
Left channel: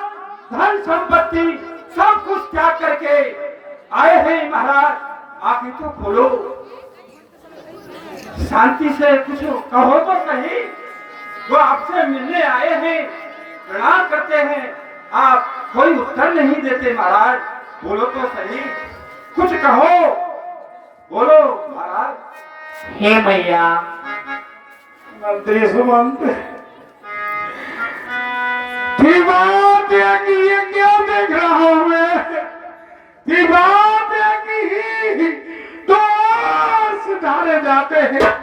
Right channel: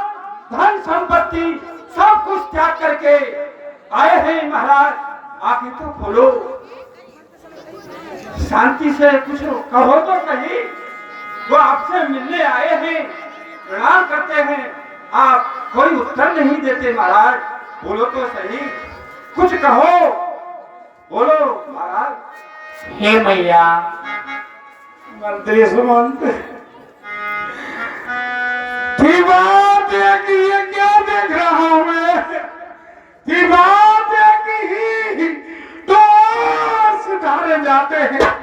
धन संपत्ति सब कुछ त्याग करके आए हैं। महाराज आगे तो खोलो, शांति से कुछ कहो तो सही। वो आपसे मिलने आए हैं, प्रणाम करते हैं, आप कोई उत्तर नहीं देते। महाराज बोलो तो सही, कुछ कहो, बोलो महाराज। हे मैया, मंत्री सुमंत की बात है कि ये क्या देख रहा हूं मैं, की बात है कि तो सुधारे जाते हैं।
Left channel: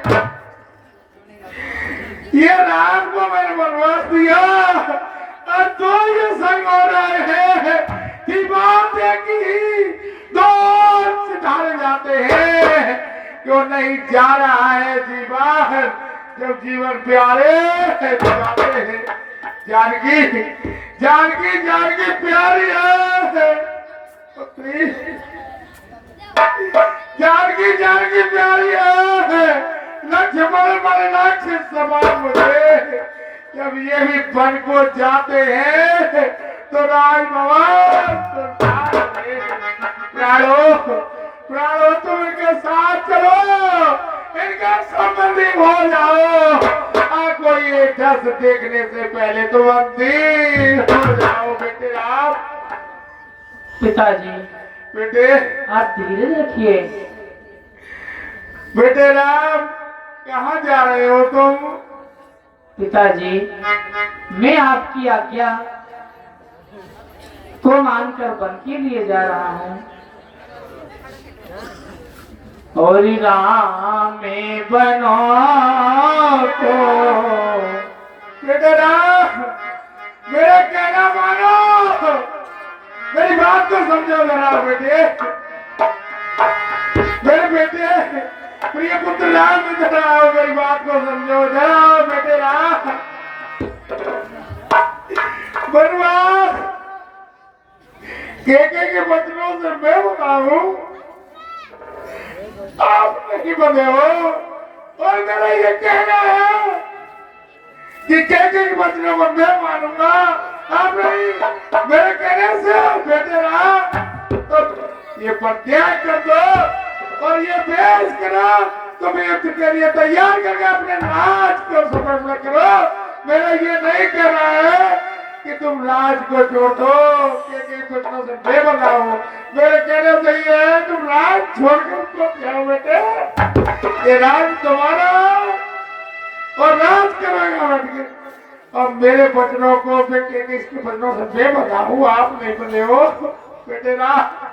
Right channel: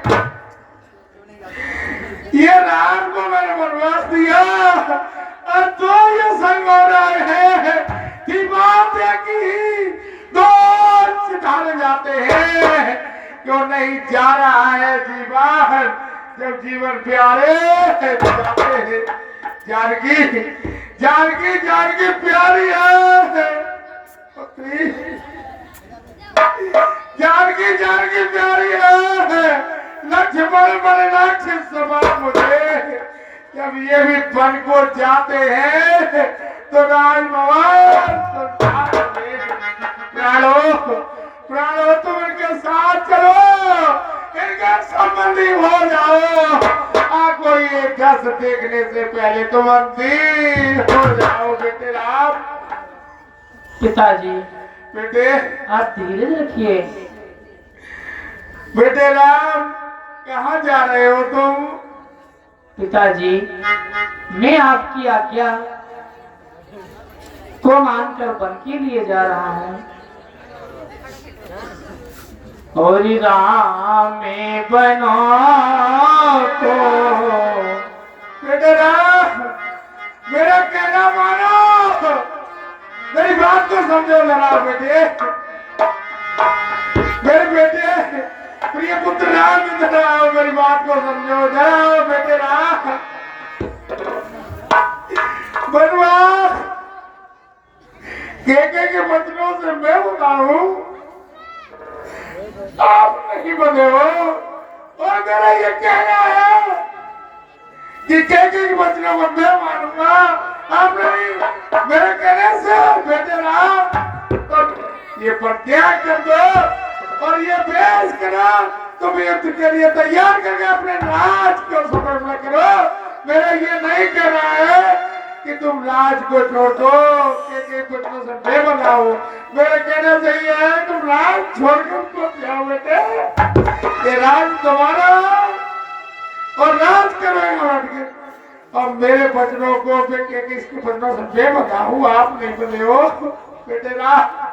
ये राम को मैंने वनवास दिया और तो ये संग हो रहे हैं कि बात है कि दो सितारे जाते हैं। क्यों नहीं जा रहा है जीवन, जब जीवन प्यारे जाते हैं। जानकी जानकी जानकी प्यारी है पुत्री, जानकी जानकी प्यारी है। लक्ष्मण बड़े राक्षस समान मुझे जब ये भी वन को जाते हैं तो राजभवन प्राणो प्राणो तुम इनके साथ चलो, इनका संबंधी हो जाओ। कोई एक दस देखने से पहले तो बंदी हो जाओ बेटे राम। पिताजी बेटे आप धीरे रखिए। बेटे राम कहाँ जा रहे हो तुम? पिताजी मैं आपकी आज्ञा को मानकर वन के लिए जा रहा हूँ। और राम में बनो तो बेटे राम मेरा कहना मानो, मेरी बात को समझो जरा बेटे। मेरे बेटे प्रिय पुत्र राम इधर आओ, मेरी बात को समझो जरा बेटे राम। बनवास के बचनों से मैं बना हूँ, आप नहीं बने हो। और मेरा ये कहना है कि के बचनों को मैं मानूंगा, आप नहीं। मेरे कहने से बेटे राम तो ये प्रत्याग कर दो और ये भेज करो, तुम युद्ध के लिए तैयार करके अपने राज को समर्पण करो। मेरा ये नहीं कहना है कि तुम राज को छोड़ दो, के बचनों से बेबना हो। मेरे कहने से ये है तुम राज छोड़कर तो जाओ बेटे, ये राज तुम्हारा और राज करेगा हट के। और मेरे बचनों को इसके बचनों से बेबना हूँ, आप नहीं बने हो बेटे राज।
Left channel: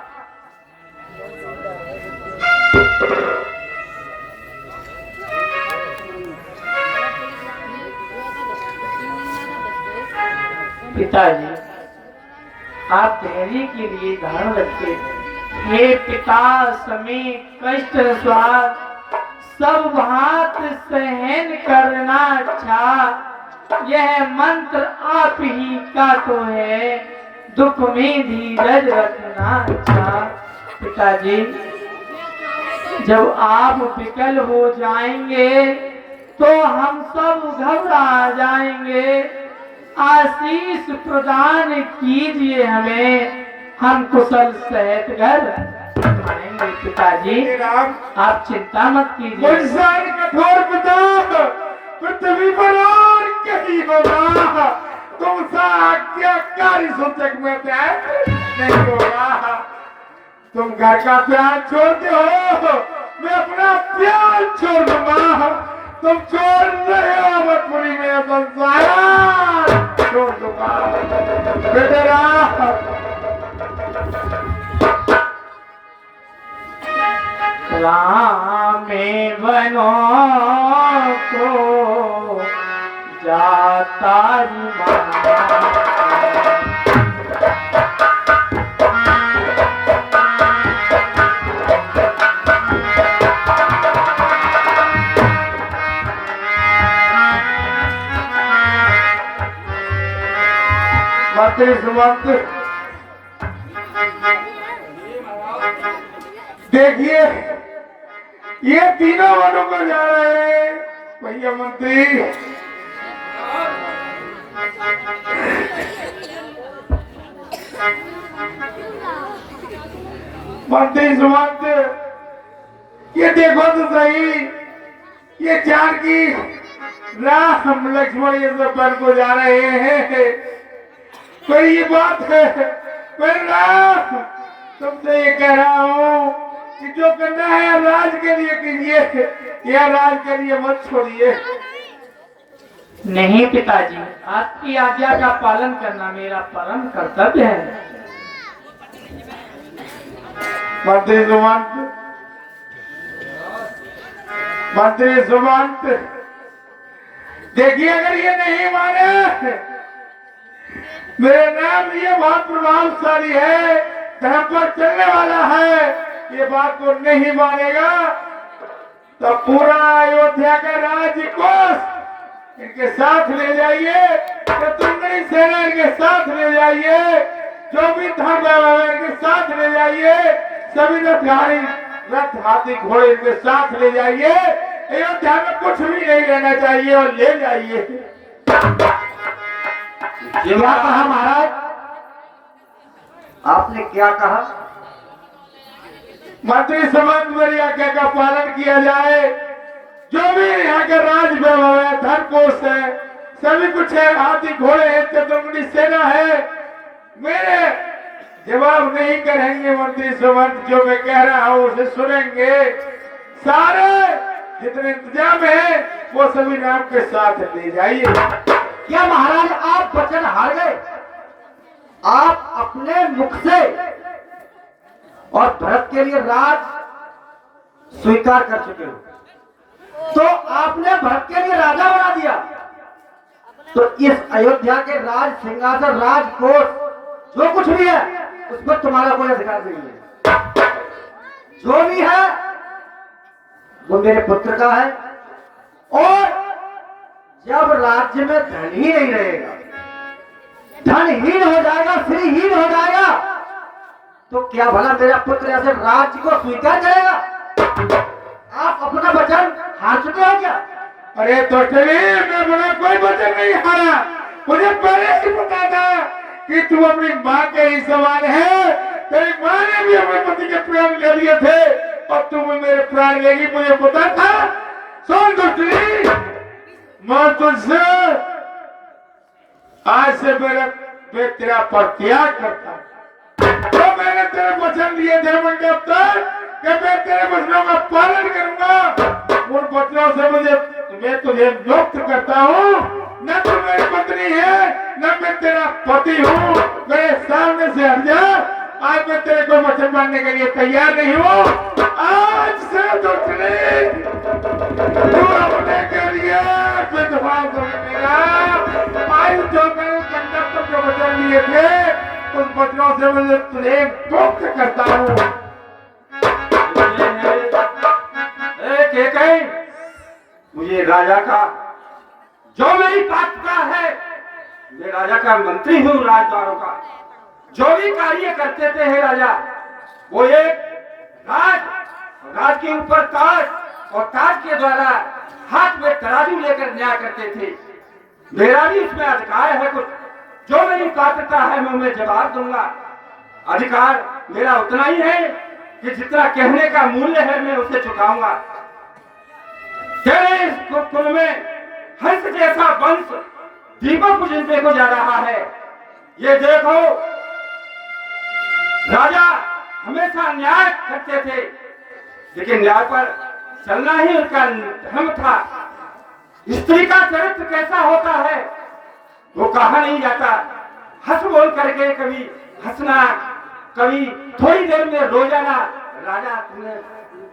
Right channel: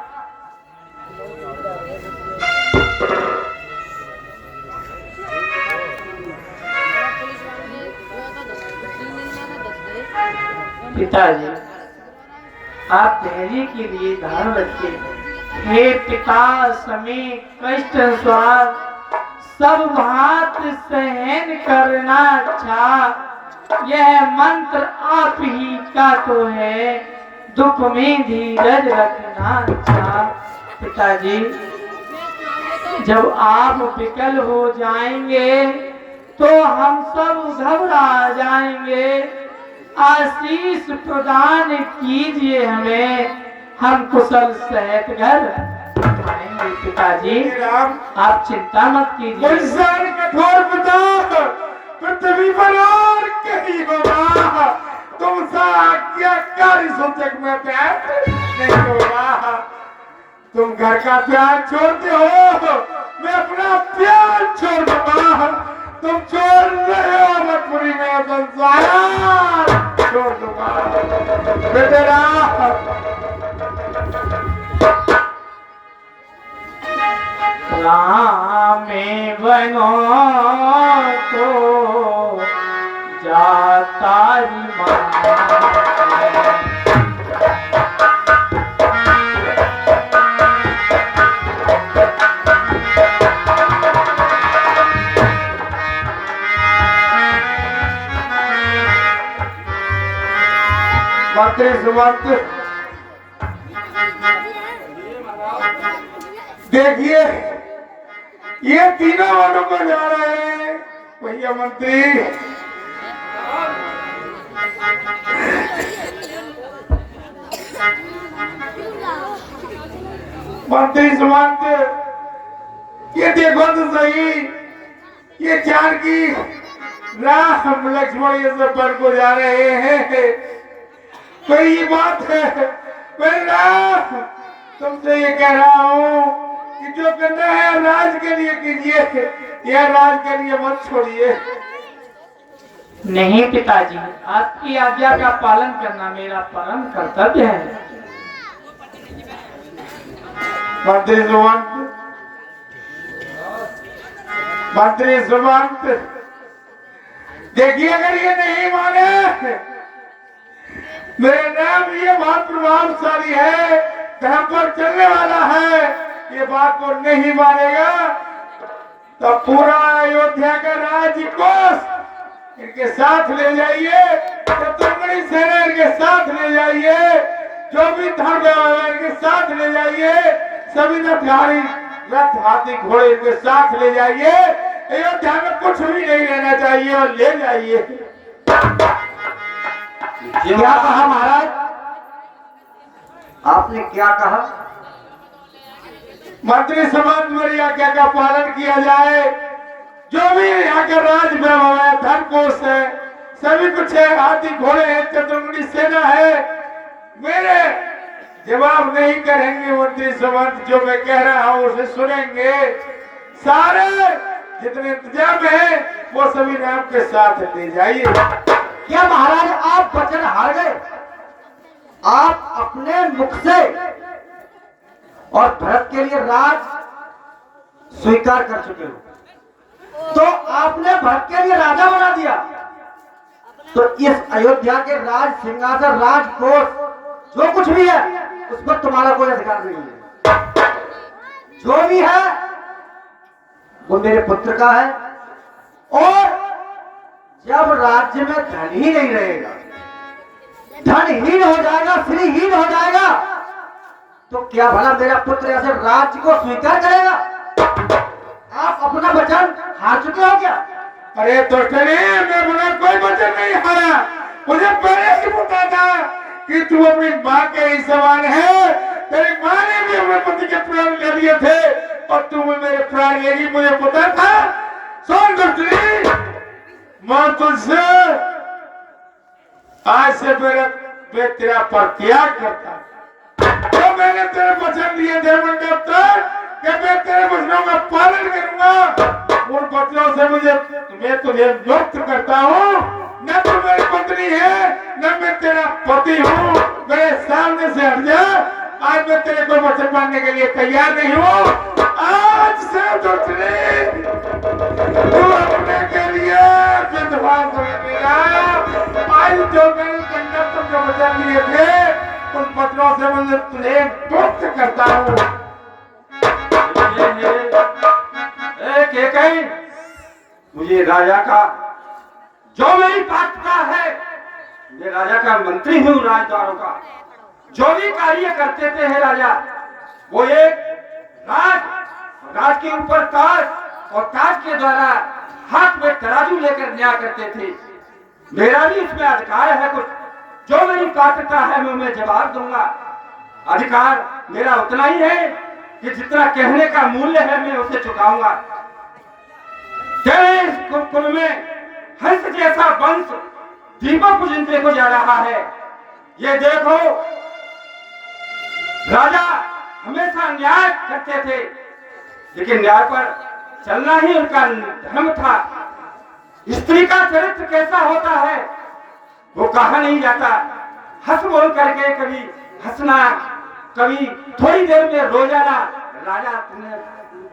पिताजी आप धैर्य के लिए धारण रखिए। हे पिता समी कष्ट अनुसार सब बात सहन करना अच्छा, यह मंत्र आप ही का तो है, दुख में धीरज रखना अच्छा। पिताजी जब आप विकल हो जाएंगे तो हम सब घबरा जाएंगे। आशीष प्रदान कीजिए हमें, हम कुशल सहित घर करेंगे पिताजी, राम आप चिंता मत कीजिए। इंसान कठोर पिता पृथ्वी पर और कहीं होगा, तुम सा आज्ञाकारी सूचक में प्यार नहीं होगा। तुम घर का प्यार छोड़ते हो, मैं अपना प्यार छोड़ दूंगा। तुम छोड़ रहे हो मजबूरी में, संसार छोड़ दूंगा बेटा। में बनो तो जाता ही मंत्री सुमंत, देखिए ये तीनों वनों को जा रहे हैं भैया मंत्री। मंत्री सुमंत, ये देखो तो सही, ये चार की राम लक्ष्मण ये सब वन को जा रहे हैं। तो ये बात है, मैं राम तुमसे ये कह रहा हूँ कि जो करना है राज के लिए कीजिए, या राज के लिए मत छोड़िए। नहीं पिताजी, आपकी आज्ञा का पालन करना मेरा परम कर्तव्य है। मंत्री सुमंत, मंत्री सुमंत, देखिए अगर ये नहीं माने, मेरे नाम ये बहुत प्रभावशाली है, धर्म पर चलने वाला है, ये बात को नहीं मानेगा तो पूरा अयोध्या का राजकोष इनके साथ ले जाइए, शत्रुघ्न सेना इनके साथ ले जाइए, जो भी धर्म है इनके साथ ले जाइए, सभी रथधारी रथ हाथी घोड़े इनके साथ ले जाइए। अयोध्या में कुछ भी नहीं रहना चाहिए और ले जाइए। क्या कहा महाराज? आपने क्या कहा? मंत्री समाज मेरी आज्ञा का पालन किया जाए, जो भी यहाँ के राज वैभव है, धन कोष है, सभी कुछ है, हाथी घोड़े हैं, चतुर्मुखी सेना है, मेरे जवाब नहीं करेंगे मंत्री समाज, जो मैं कह रहा हूँ उसे सुनेंगे। सारे जितने इंतजाम है वो सभी राम के साथ ले जाइए। क्या महाराज आप वचन हार गए? आप अपने मुख से और भरत के लिए राज स्वीकार कर चुके हो, तो आपने भरत के लिए राजा बना दिया, तो इस अयोध्या के राज सिंहासन राजकोष जो कुछ भी है उस पर तुम्हारा कोई अधिकार नहीं है। जो भी है वो मेरे पुत्र का है, और जब राज्य में धन ही नहीं रहेगा, धनहीन हो जाएगा, श्रीहीन हो जाएगा, तो क्या भला मेरा पुत्र ऐसे राज्य को स्वीकार करेगा? आप अपना वचन हार चुके हो क्या? अरे तो मैं बना कोई वचन नहीं हारा, मुझे पहले ही पता था कि तू अपनी माँ के ही समान है। तेरी माँ ने भी अपने पति के प्राण ले लिए थे और तू मेरे प्राण लेगी, मुझे पता था। सुन दुष्टनी, मैं तुझसे आज से मैं तेरा परित्याग करता, तो मैंने तेरे वचन लिए थे मंडप तक कि मैं तेरे वचनों का पालन करूंगा। उन वचनों से मैं तुझे मुक्त करता हूँ। न तू मेरी पत्नी है, न मैं तेरा पति हूँ। मेरे सामने से हट जा। आज मैं तेरे को वचन मानने के लिए तैयार नहीं हूँ। आज से दुष्टनी तू अपने के लिए विधवा मेरा आज जो मैंने मंडप पर जो वचन लिए थे उन वचनों से मुझे तुझे मुक्त करता हूँ। मुझे राजा का जो मेरी पात्रता है, मैं राजा का मंत्री हूँ, राजद्वारों का जो भी कार्य करते थे है राजा, वो एक राज के ऊपर ताज और ताज के द्वारा हाथ में तराजू लेकर न्याय करते थे। मेरा भी इसमें अधिकार है, कुछ जो मेरी पात्रता है मैं जवाब दूंगा। अधिकार मेरा उतना ही है कि जितना कहने का मूल्य है मैं उसे चुकाऊंगा। तेरे इस कुल में हंस जैसा वंश दीपक बुझने को जा रहा है। ये देखो, राजा हमेशा न्याय करते थे, लेकिन न्याय पर चलना ही उनका धर्म था। स्त्री का चरित्र कैसा होता है वो कहा नहीं जाता। हंस बोल करके कभी हंसना, कभी थोड़ी देर में रो जाना। राजा तुम्हें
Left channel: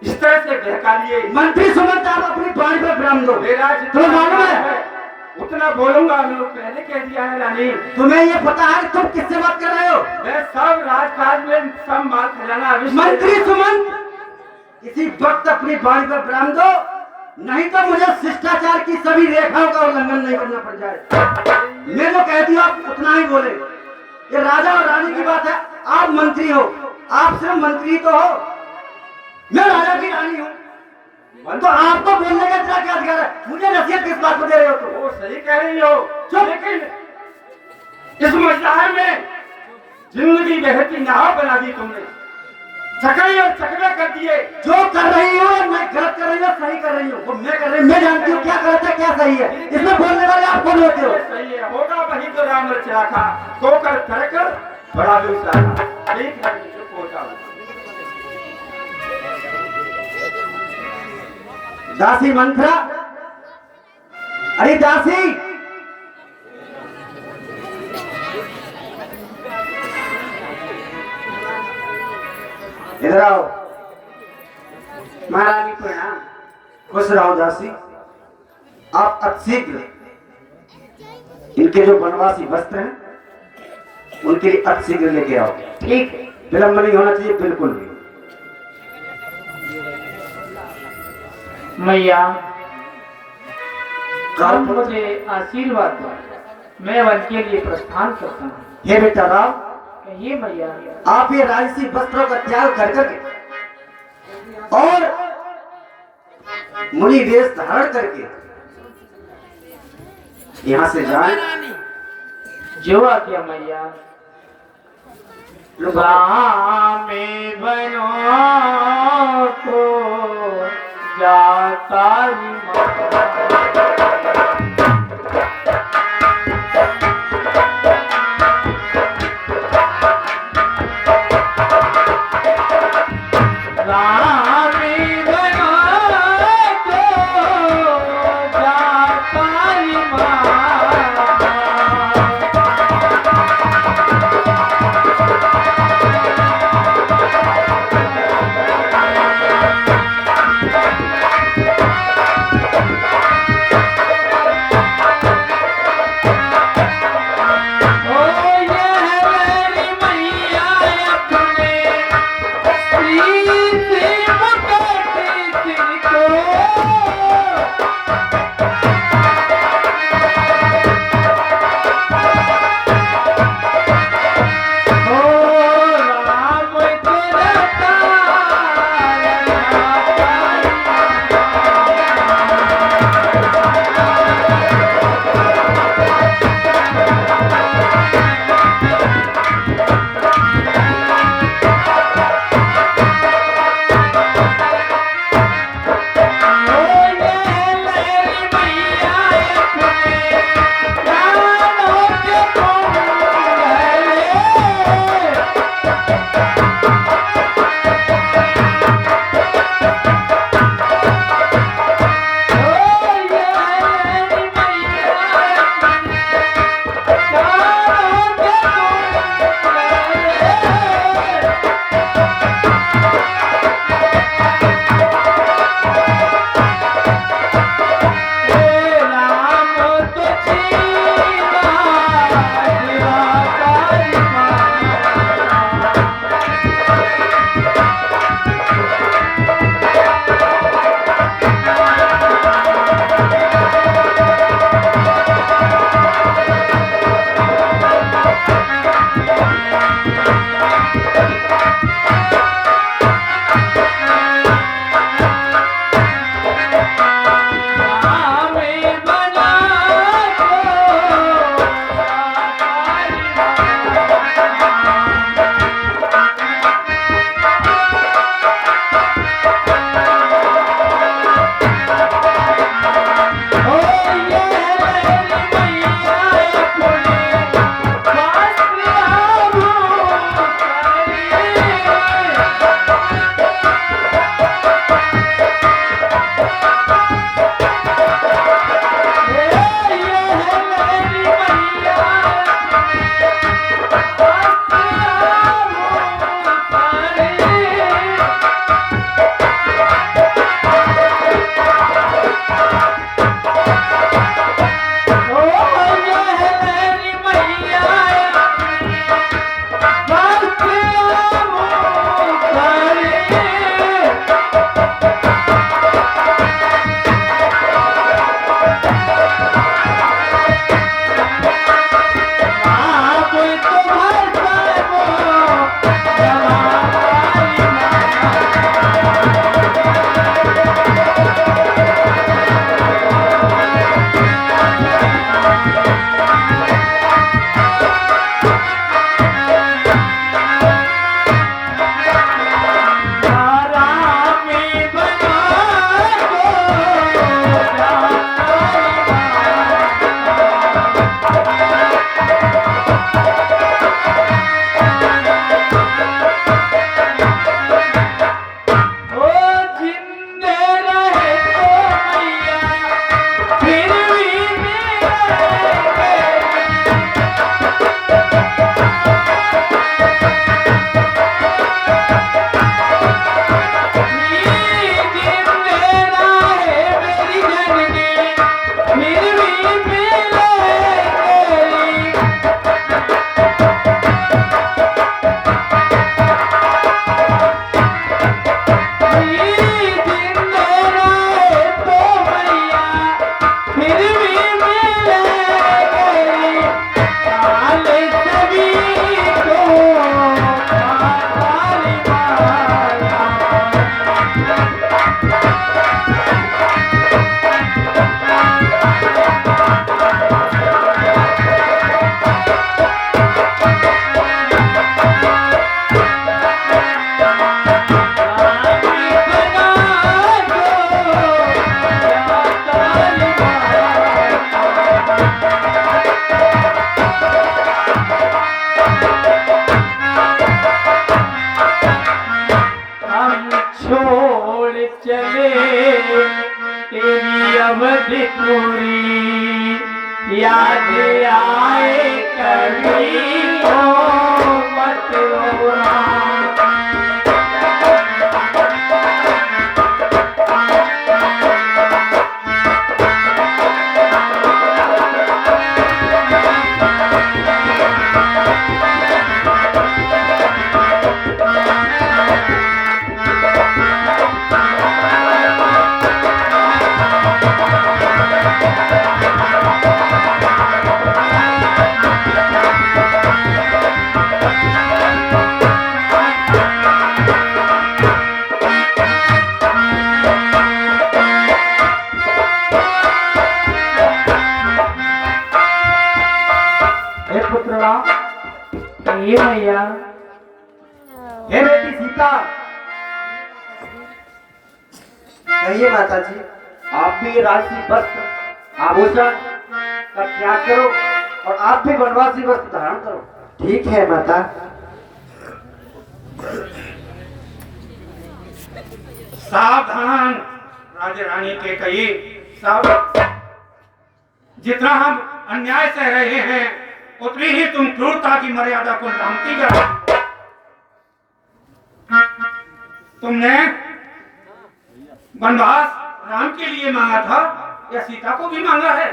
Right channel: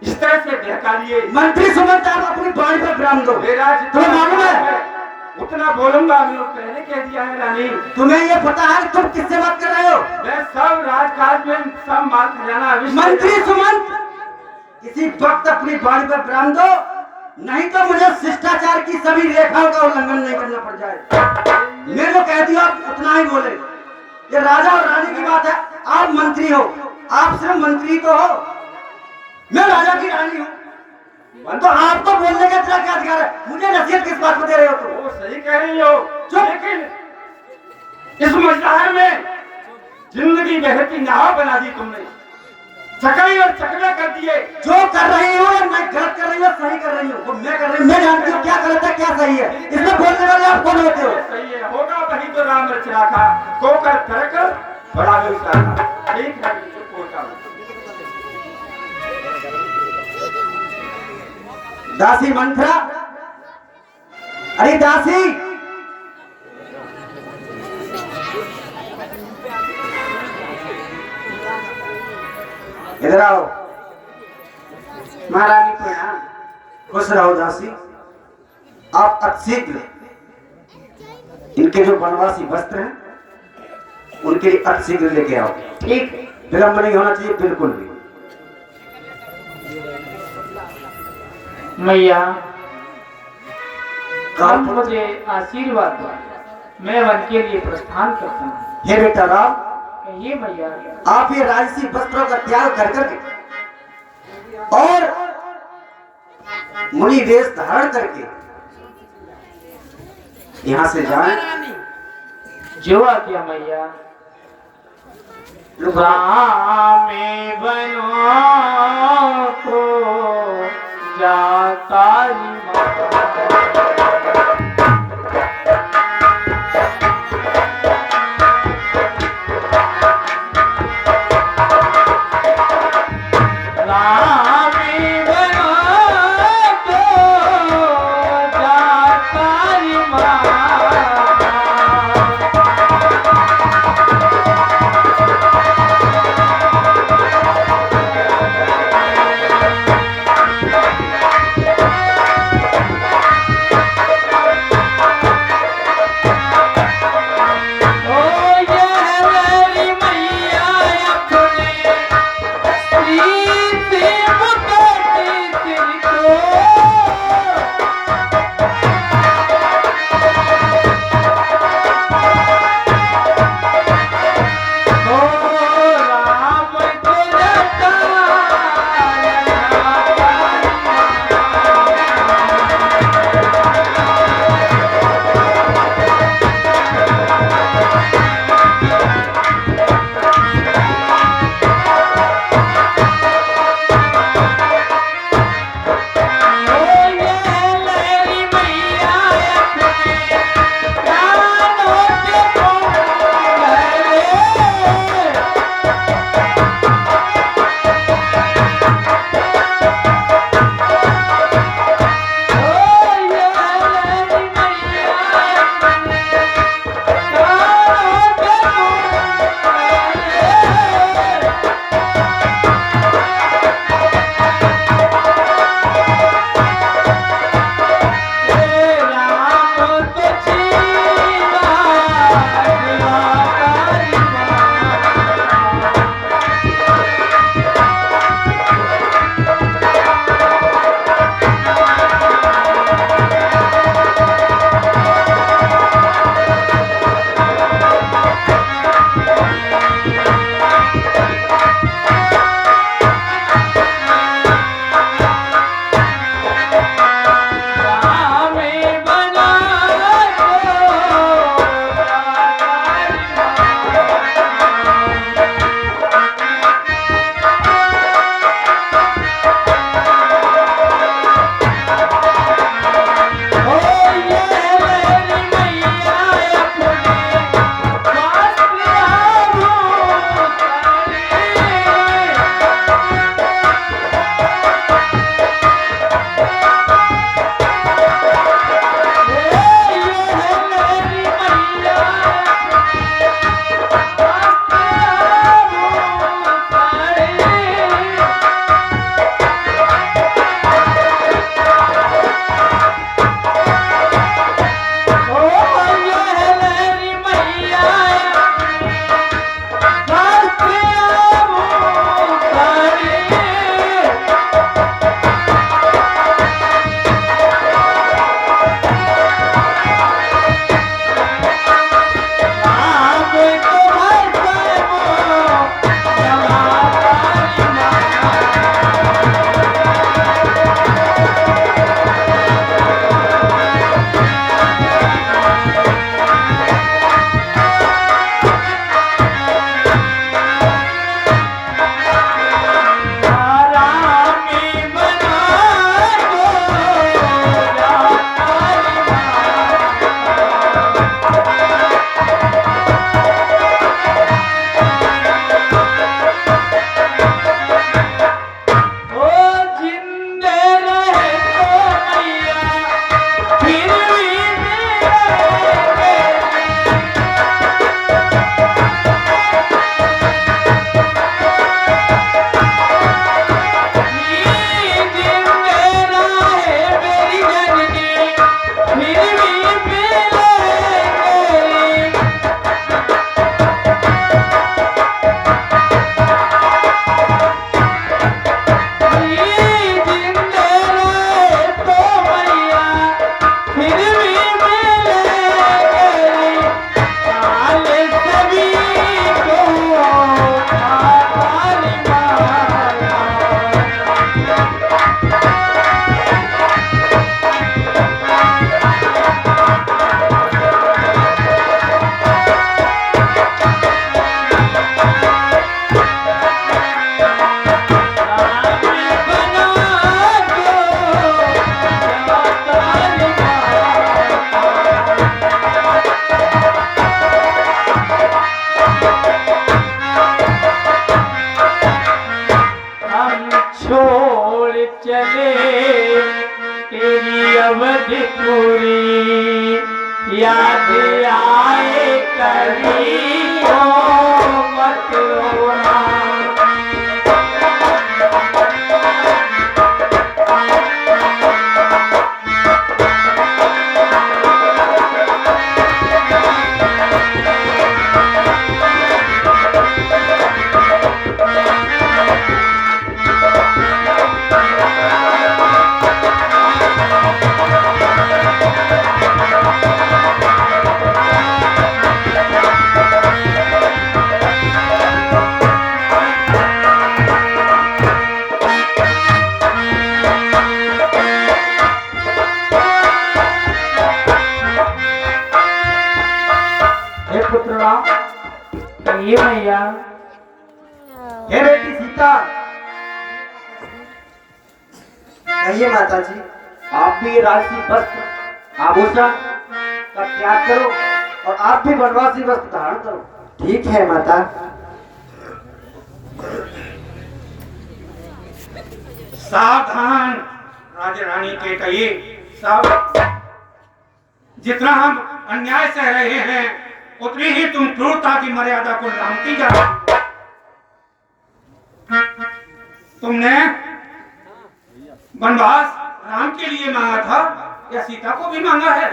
इस तरह से बहका लिए। मंत्री सुमंत, आप अपनी बाणी पर विराम दो। मेरा तुम्हें मालूम है, उतना बोलूंगा, मैंने पहले कह दिया है रानी। तुम्हें ये पता है तुम किससे बात कर रहे हो? मैं सब राजकाज में सब माल खजाना मंत्री सुमंत, इसी वक्त अपनी बाणी पर विराम दो, नहीं तो मुझे शिष्टाचार की सभी रेखाओं का उल्लंघन नहीं करना पड़ जाए। मैंने तो कह दिया, आप उतना ही बोले। ये राजा और रानी की बात है, आप मंत्री हो, आप सिर्फ मंत्री तो हो, मैं राजा की रानी हूँ, तो आपको बोलने का इतना क्या अधिकार है? मुझे नसीहत किस बात को दे रहे हो? वो सही कह रही हो, लेकिन इस मजदार में जिंदगी बहती नाव बना दी तुमने, चकई और चकवे कर दिए। जो कर रही हूँ मैं गलत कर रही हूँ, सही कर रही हूँ, वो मैं कर रही हूँ, मैं जानती हूँ क्या गलत है क्या सही है। इसमें बोलने वाले आप कौन होते हो? सही है, होगा वही तो राम रचा था, को कर कर बड़ा दूसरा था। ठीक है, चुप होता हूँ। दासी मंथरा, अरे दासी, इधर आओ। महारानी प्रणाम। खुश रहो दासी। आप अतिशीघ्र इनके जो वनवासी वस्त्र हैं उनके लिए अतिशीघ्र लेके आओ। ठीक, विलंब नहीं होना चाहिए, बिल्कुल भी। मैया, कहा आप मुझे आशीर्वाद दो, मैं वन के लिए प्रस्थान करता हूँ। हे बेटा राम, ये मैया, आप ये राजसी वस्त्रों का त्याग कर करके और मुनि वेश धारण करके यहाँ से जाएं। जो आज्ञा मैया। में बनो तो जाता याद आए कभी तो मत रोना। हे पुत्र राम, कहिए भैया। हे बेटी सीता, कहिए माता जी, आप भी राशि वस्त्र आभूषण का त्याग करो और आप भी वनवासी वस्त्र धारण करो। ठीक है माता। सावधान राजा रानी के कहिए सावधान। जितना हम अन्याय सह रहे हैं उतनी ही तुम क्रूरता की मर्यादा को लांघती जा रही हो। तुमने वनवास राम के लिए मांगा था या सीता को भी मांगा है?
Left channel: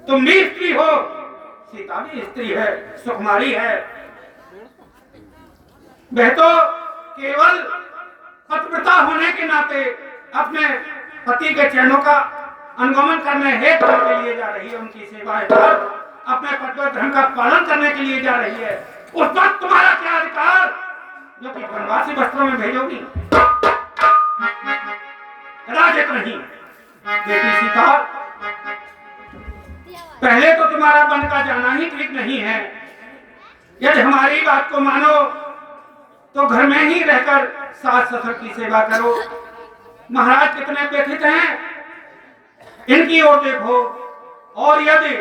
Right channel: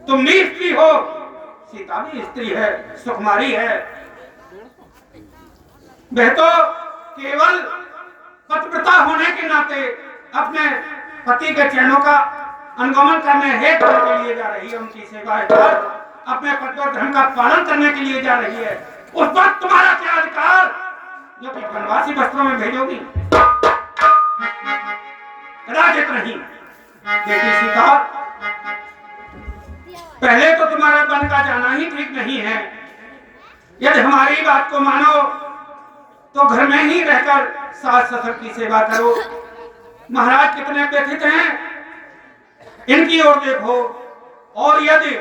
तुम भी स्त्री हो, सीता भी स्त्री है, सुकुमारी है। वह तो केवल पतिव्रता होने के नाते अपने पति के चरणों का अनुगमन करने हेतु के लिए जा रही है, उनकी सेवा कर अपने पतिव्रत धर्म का पालन करने के लिए जा रही है। उस वक्त तुम्हारा क्या अधिकार जो कि वनवासी वस्त्रों में भेजोगी? राजित नहीं। बेटी सीता, पहले तो तुम्हारा वन का जाना ही ठीक नहीं है। यदि हमारी बात को मानो तो घर में ही रहकर सास ससुर की सेवा करो। महाराज कितने व्यथित हैं, इनकी ओर देखो। और यदि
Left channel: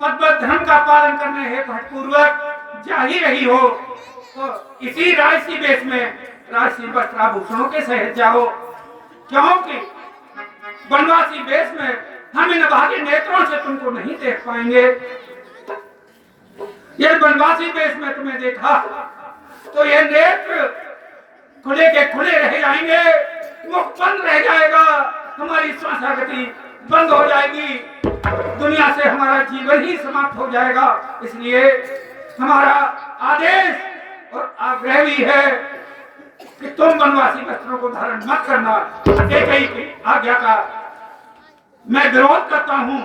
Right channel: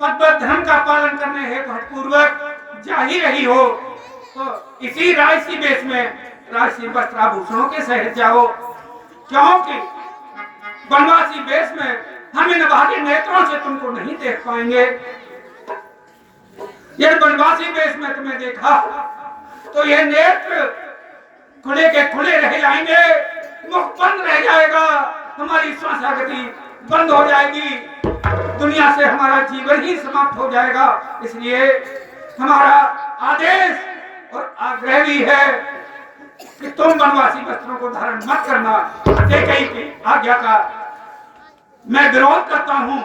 पतिव्रत धर्म का पालन करने हेतु हठपूर्वक जा ही रही हो तो इसी राजसी वेश में राजसी वस्त्र आभूषणों के सहित जाओ, क्योंकि वनवासी वेश में हम इन भारी नेत्रों से तुमको नहीं देख पाएंगे। यदि वनवासी वेश में तुम्हें देखा तो यह नेत्र खुले के खुले रह जाएंगे, मुख बंद रह जाएगा, हमारी श्वास गति बंद हो जाएगी, दुनिया से हमारा जीवन ही समाप्त हो जाएगा। इसलिए हमारा आदेश और आग्रह भी है कि तुम वनवासी वस्त्रों को धारण मत करना। कैकेयी की आज्ञा का मैं विरोध करता हूं।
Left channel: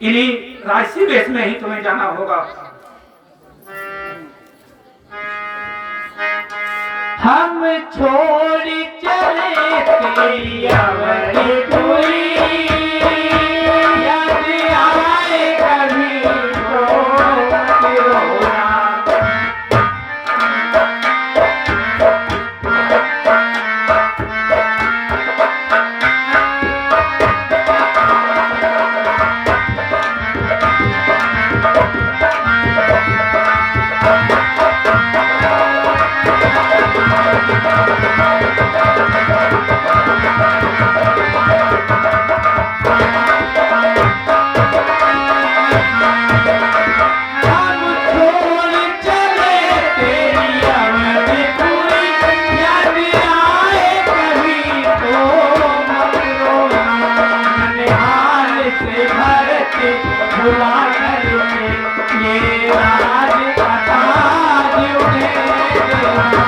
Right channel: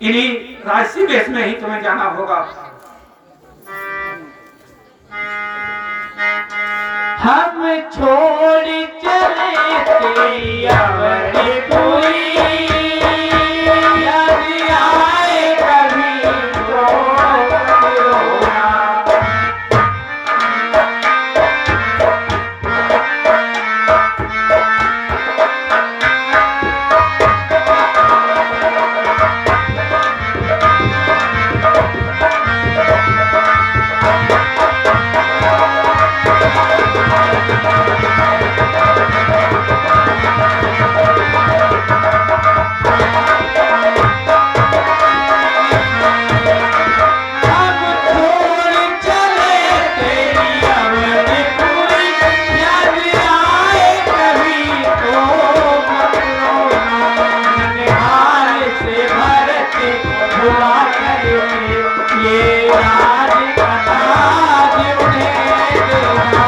इन्हीं राजसी वेश में ही तुम्हें जाना होगा। हम छोड़ चले तेरी अवरी पूरी, याद आए कभी तो मत रोना। भुला कर ये राज कथा जुड़े देना।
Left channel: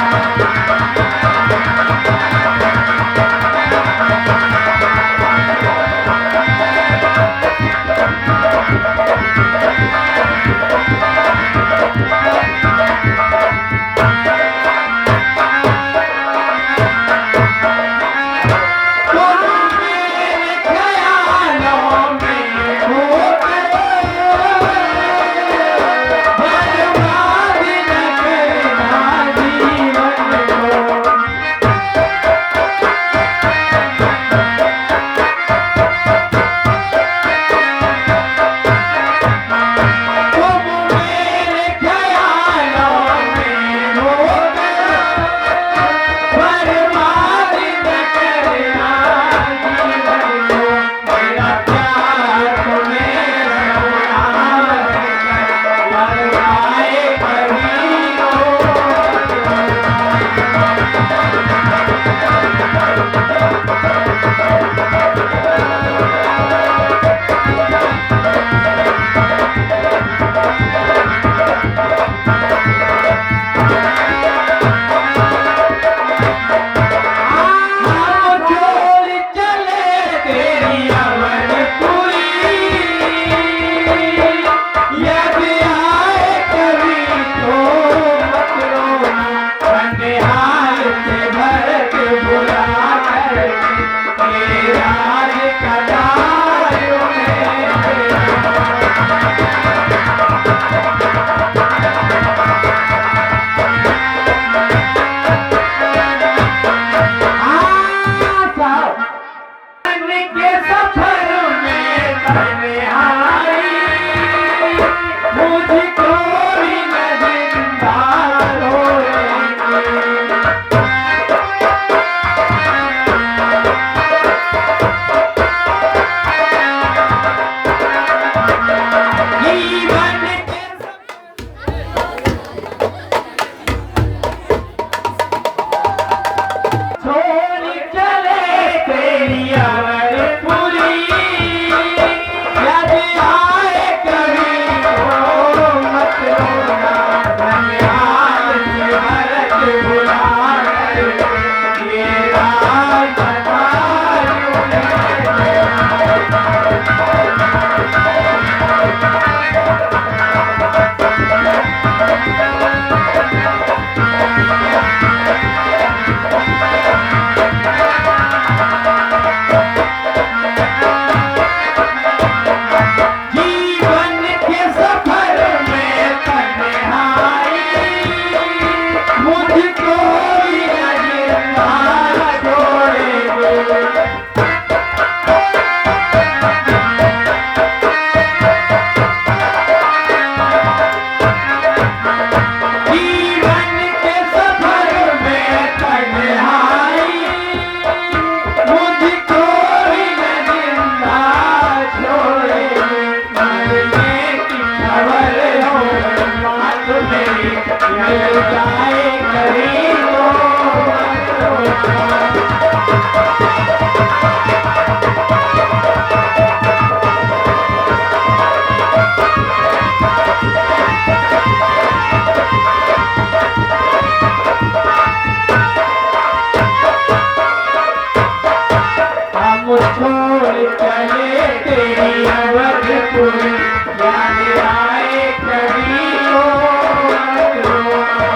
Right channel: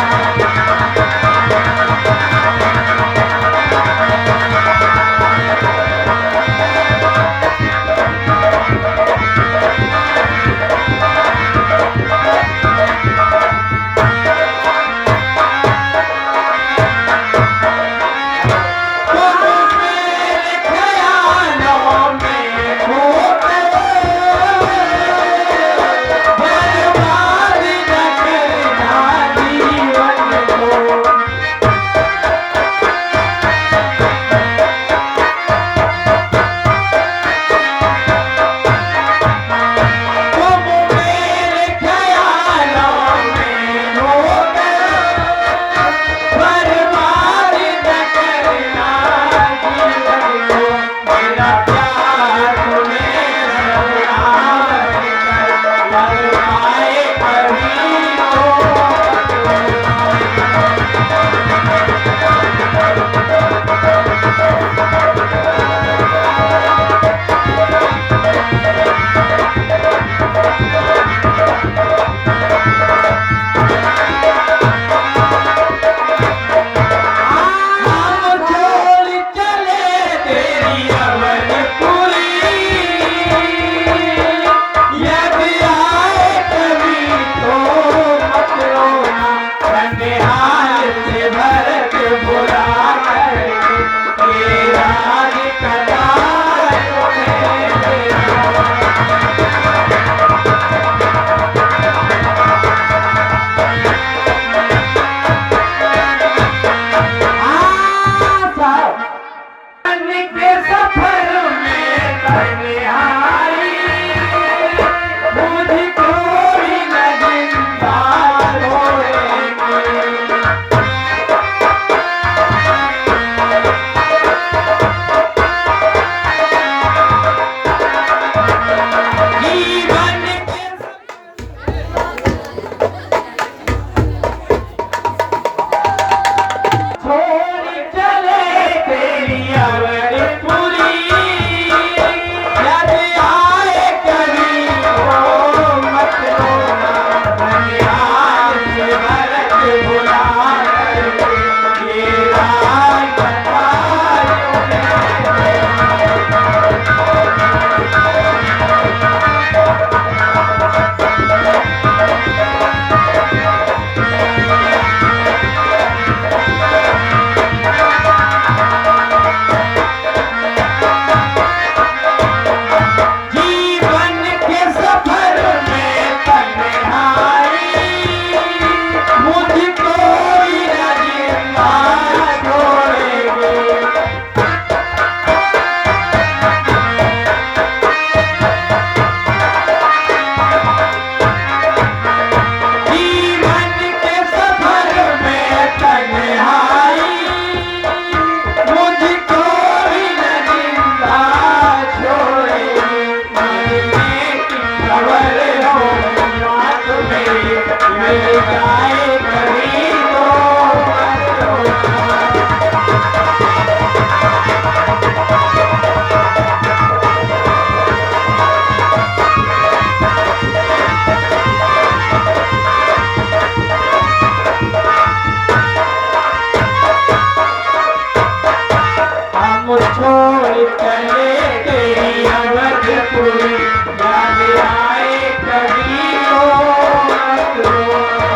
तन्हाई मुझको भी न जिंदा छोड़ेंगे। जीवन के छोड़ चले तेरी अवरपुरी, याद आए कभी हो मत रोना, धन्याद से भरत बुलाए, ये राज कटारियों ने जीवन के सफर में तन्हाई मुझको भी न जिंदा छोड़ेंगे। जीवन के सफर में तन्हाई मुझको भी न जिंदा छोड़ेंगे। मरने की खबर हो बात मेरी मिल जाए कभी हो मत रोना। हम छोड़ चले तेरी अवधपुरी, याद आए कभी हो मत रोना।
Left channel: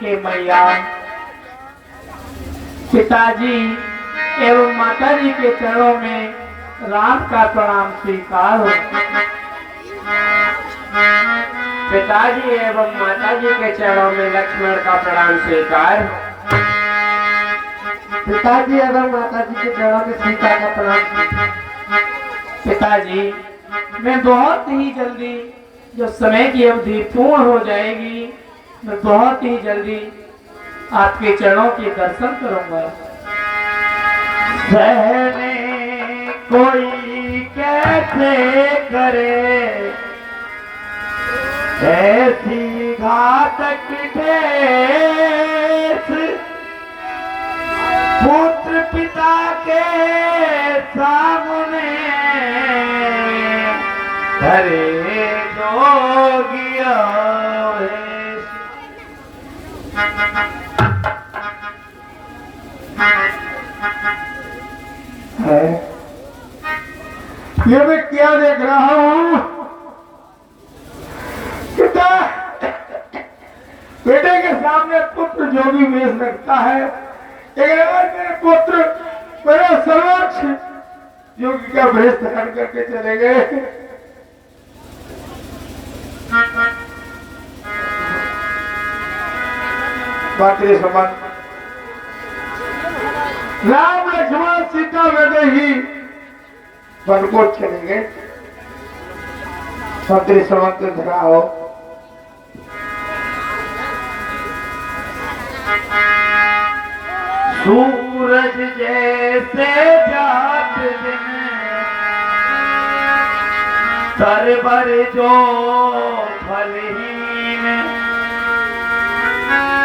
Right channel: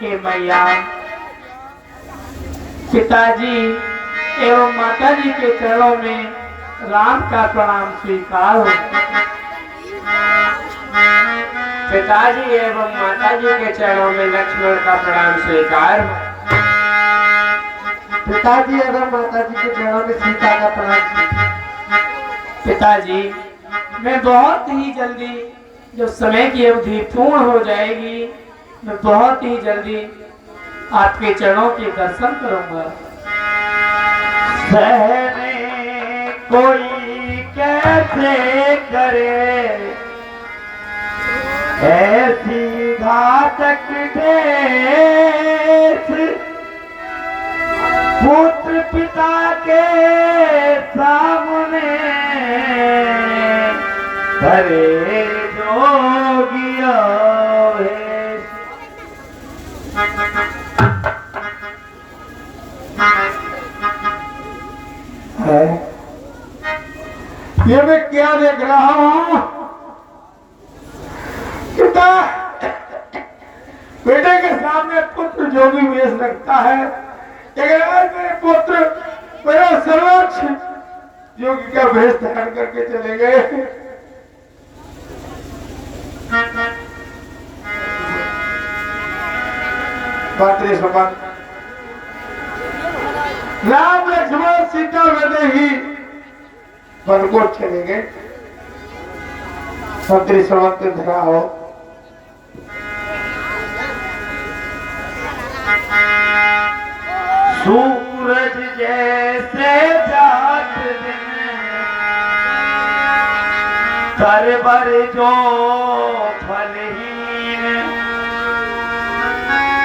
हे मैया, पिताजी एवं माताजी के चरणों में राम का प्रणाम स्वीकार हो। पिताजी एवं माताजी के चरणों में लक्ष्मण का प्रणाम स्वीकार हो। पिताजी एवं माताजी के चरणों में सीता का प्रणाम। पिताजी, मैं बहुत ही जल्दी, जो समय की अवधि पूर्ण हो जाएगी, मैं बहुत ही जल्दी आपके चरणों के दर्शन करूंगा। सहने कोई कैसे करे ऐसी घातक ठेस, पुत्र पिता के सामने करे जोगिया वेश। ये मैं क्या देख रहा हूँ? पिता बेटे के सामने पुत्र जो भी वेश रखता है, लेकिन आज मेरे पुत्र मेरा सर्वोच्च योगी का वेश धारण करके चलेंगे। मातृ समान राम लक्ष्मण सीता बेटे ही वन को चलेंगे। मंत्री समंत धराओ। सूरज जैसे जात दिन सरवर जो फलहीन,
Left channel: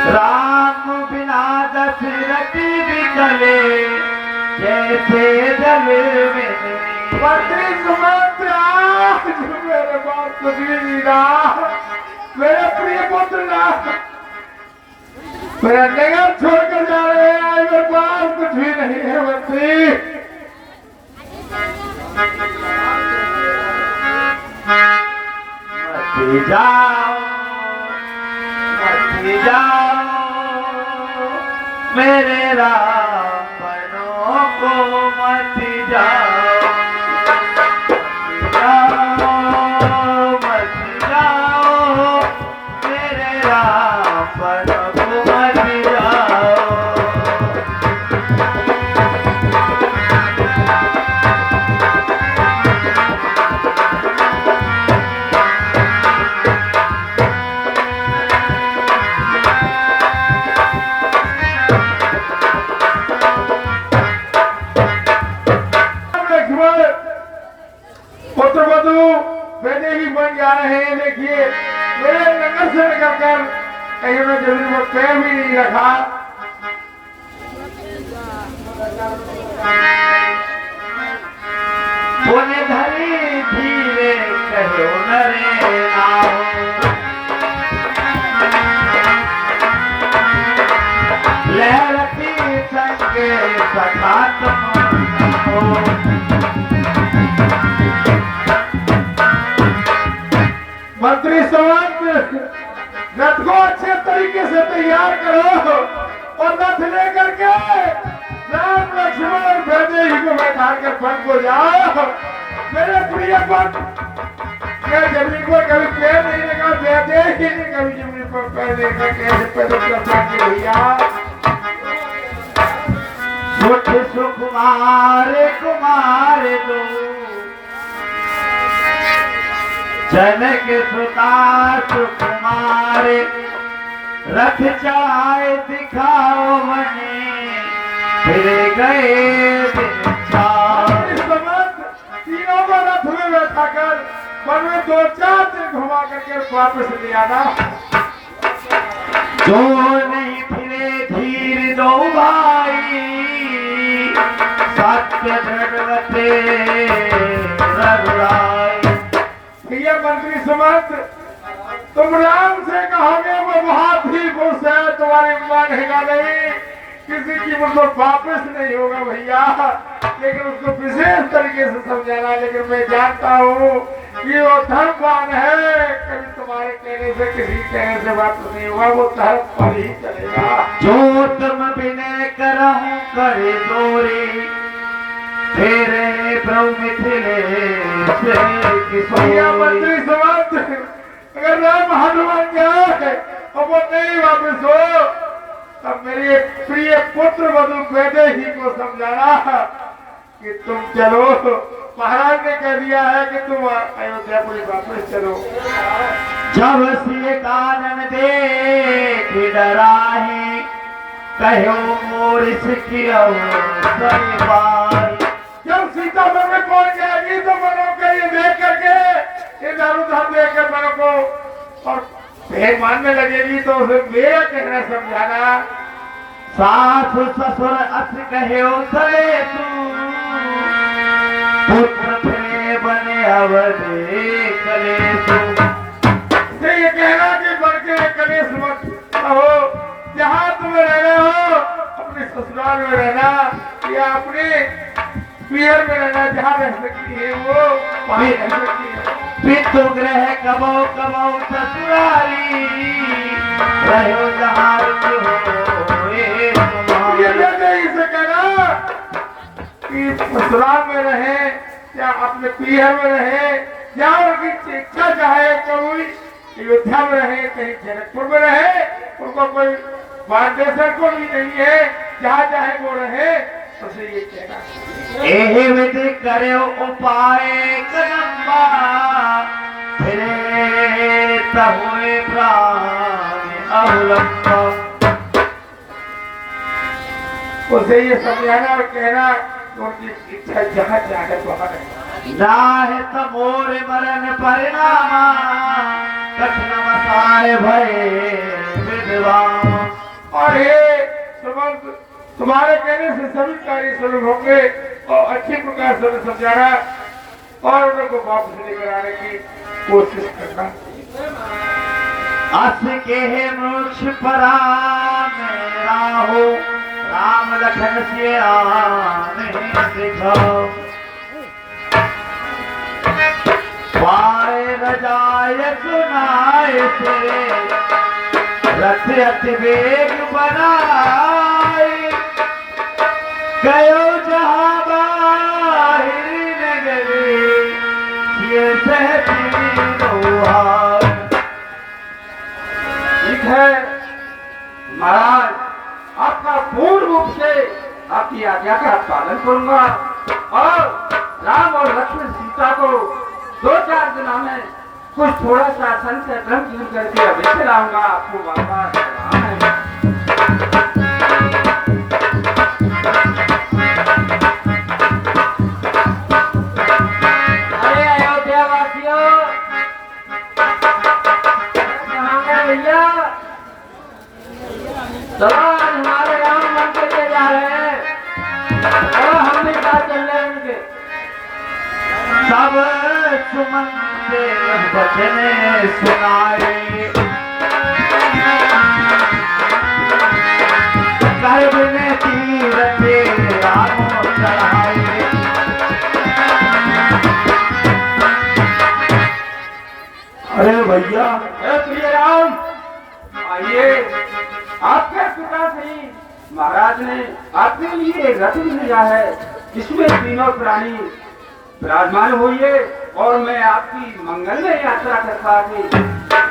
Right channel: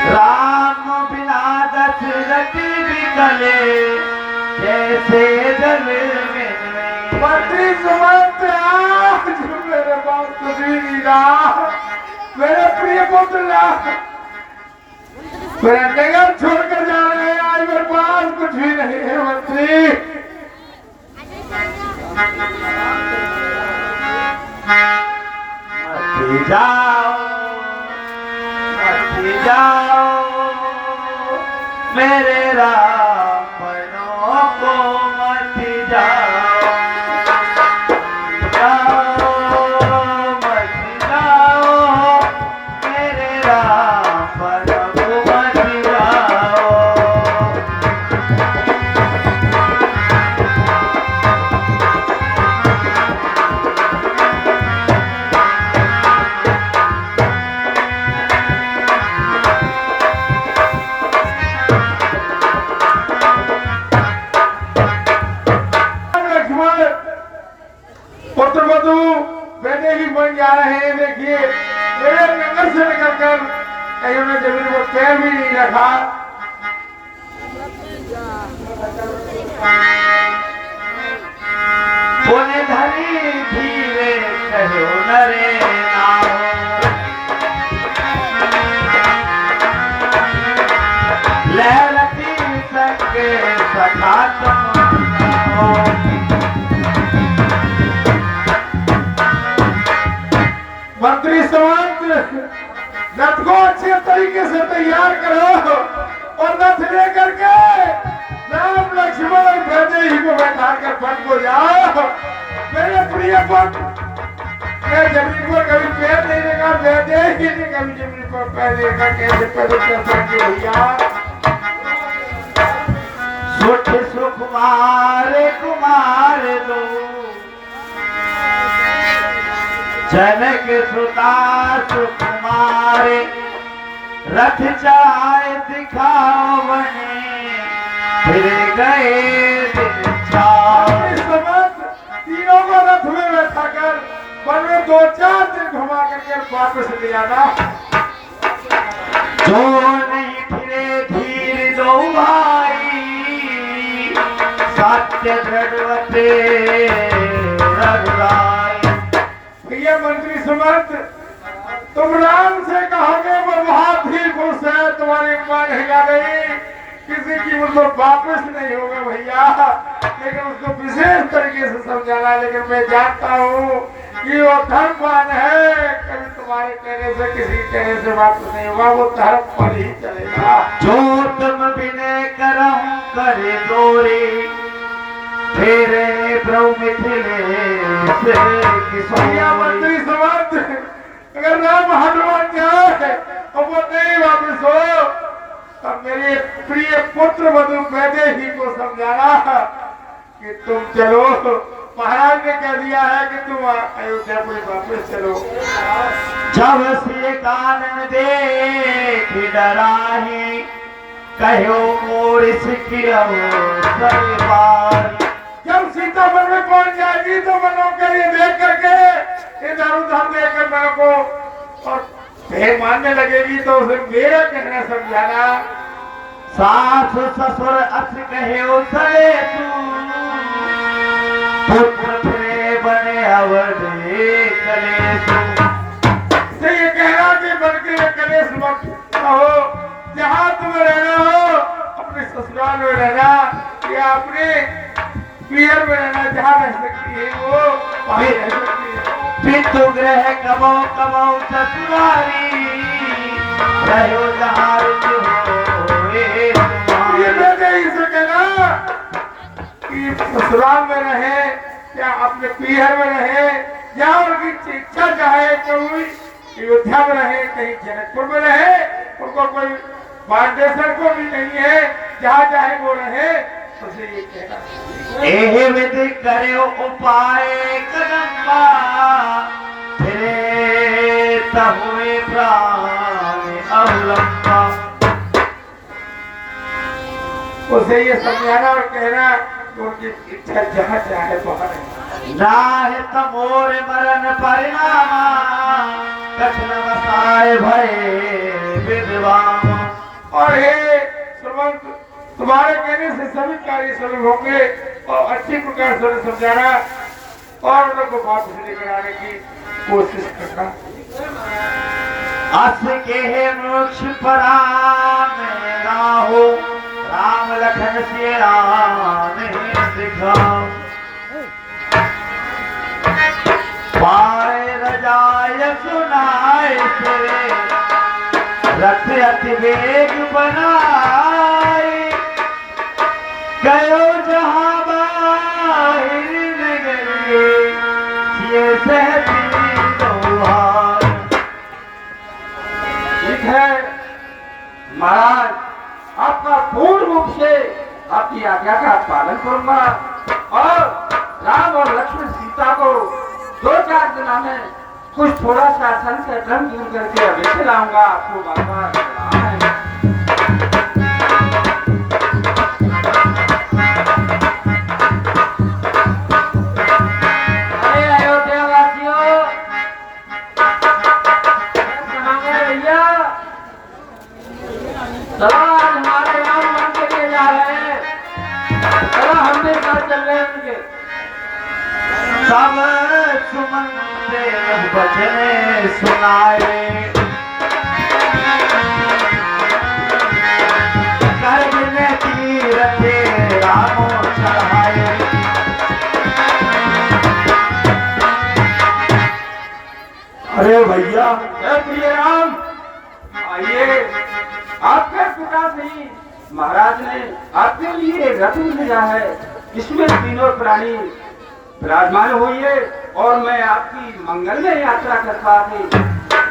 राम बिना दशरथ बिकले जैसे जल में। मंत्री समंत आज मेरे पास कुछ भी नहीं रहा। मेरा प्रिय पुत्र मेरा नगर छोड़कर जा रहे हैं। मेरे पास कुछ भी नहीं है मंत्री। मत जाओ, मत जाओ मेरे राम को मत जाओ, मत जाओ मेरे राम प्रभु मत जाओ। पुत्र वधु वैसे ही बन जा रहे हैं। देखिए मेरे नगर से निकल कर कहीं ने जमीन पर पैर भी नहीं रखा। पुण्य धरी धीरे कहो नरे नाओ, लहरती संगे सखा तुम मंत्री संत रथ को अच्छे तरीके से तैयार करो और रथ लेकर के राम लक्ष्मण और वैदेही को बैठा कर वन को जाओ। मेरे प्रिय पुत्र, मैं जमीन पर कभी पैर नहीं रखा, वैदेही ने कभी जमीन पर पैर नहीं रखा। कैसे पैदल करता कि भैया सुख सुकुमार कुमार दो, जनक सुता सुकुमार, रथ जाए दिखाओ बने, फिर गए दिन छाओ। इस समय तीनों को रथ में बैठा कर वन में 2-4 दिन घुमा करके वापस ले आना। जो नहीं फिरे धीर दो भाई, सत्य दृढ़वते रघुराई। भैया मंत्री सुमंत, तुम राम से कहोगे वो बहुत ही खुश है, तुम्हारी मानेगा नहीं, किसी की मुझको वापस नहीं होगा भैया। लेकिन उसको विशेष तरीके से समझाना। लेकिन मैं जानता हूँ कि वो धर्मवान है, कभी तुम्हारे कहने से किसी कहने से वापस नहीं होगा, वो धर्म पर ही चलेगा। जो तुम विनय करहूं करे दोरे, तेरे प्रभु मिथिले से भैया मंत्री सुमंत, अगर राम हनुमान जाए और वो नहीं वापस हो, तब मेरे प्रिय पुत्र वधु वैदेही को समझाना कि तुम चलो। महाराज ने कह दिया है कि तुम अयोध्या को वापस चलो। जब से कारण देख डराही, कहो मोर सिकिरऊ सरवाई। जब सीता मन में पहुंच जाएगी तो मनो के ये देख करके इधर उधर देख कर मनो को और फिर मानने लगेगी तो उसे मेरा कहना समझाना। सास ससुर अस कहे उतरे तू, पुत्र फिरे बने अवधे कलेसु। से ये कहना कि बन के कलेश मत हो, जहाँ तुम्हें रहना हो अपने ससुराल में रहना या अपने पियर में रहना, जहाँ रह सकती है वो वहीं रह सकती है। पितु ग्रह कबो कबो ससुरारी, रहो जहाँ रुचि होए तुम्हारी। ये मैंने इसे कहना कि ससुराल में रहे या अपने पियर में रहे, या उनकी इच्छा चाहे कोई अयोध्या में रहे, कहीं जनकपुर में रहे, उनको कोई मार्गदर्शन को भी नहीं है, जहाँ चाहे वो रहे। उसे ये कहना एहि विधि करो उपाय कदम्बा, फिरे तहुए प्राण अवलंबा। उसे ये समझाना और कहना कि उनकी इच्छा जहाँ चाहे वहाँ रहे। राह तमोर मरण परिणामा, कठिन वसाय भय विद्वान। और हे सुमंत, तुम्हारे कहने से सभी कार्य शुरू होंगे और अच्छी प्रकार से समझाना और उनको वापस लेकर आने की कोशिश करना। अस के मोक्ष पराम राहो, राम लखन सिया दिखाओ। पाए रजाय सुनाए सुरे, रथ अति वेग बनाए, गयो जहां आज्ञा का पालन करूंगा और राम और लक्ष्मण सीता को 2-4 दिनों में कुछ थोड़ा सा सन से ड्रम दूर करके अवश्य लाऊंगा। आपको वापस सलाम है। अरे अयोध्या वासियों, कहाँ गए भैया? सवाल हमारे राम मंदिर के जा रहे हैं। चलो हम भी साथ चल रहे हैं उनके। सब सुमन बचने सुनाए, गर्भ में तीरथ रामों चढ़ाए। अरे भैया, प्रिय राम, आइए। आपके पिता श्री महाराज ने आपके लिए रथ भेजा है। इसमें तीनों प्राणी विराजमान हुई है और मैं आपकी मंगलमय यात्रा के साथ ही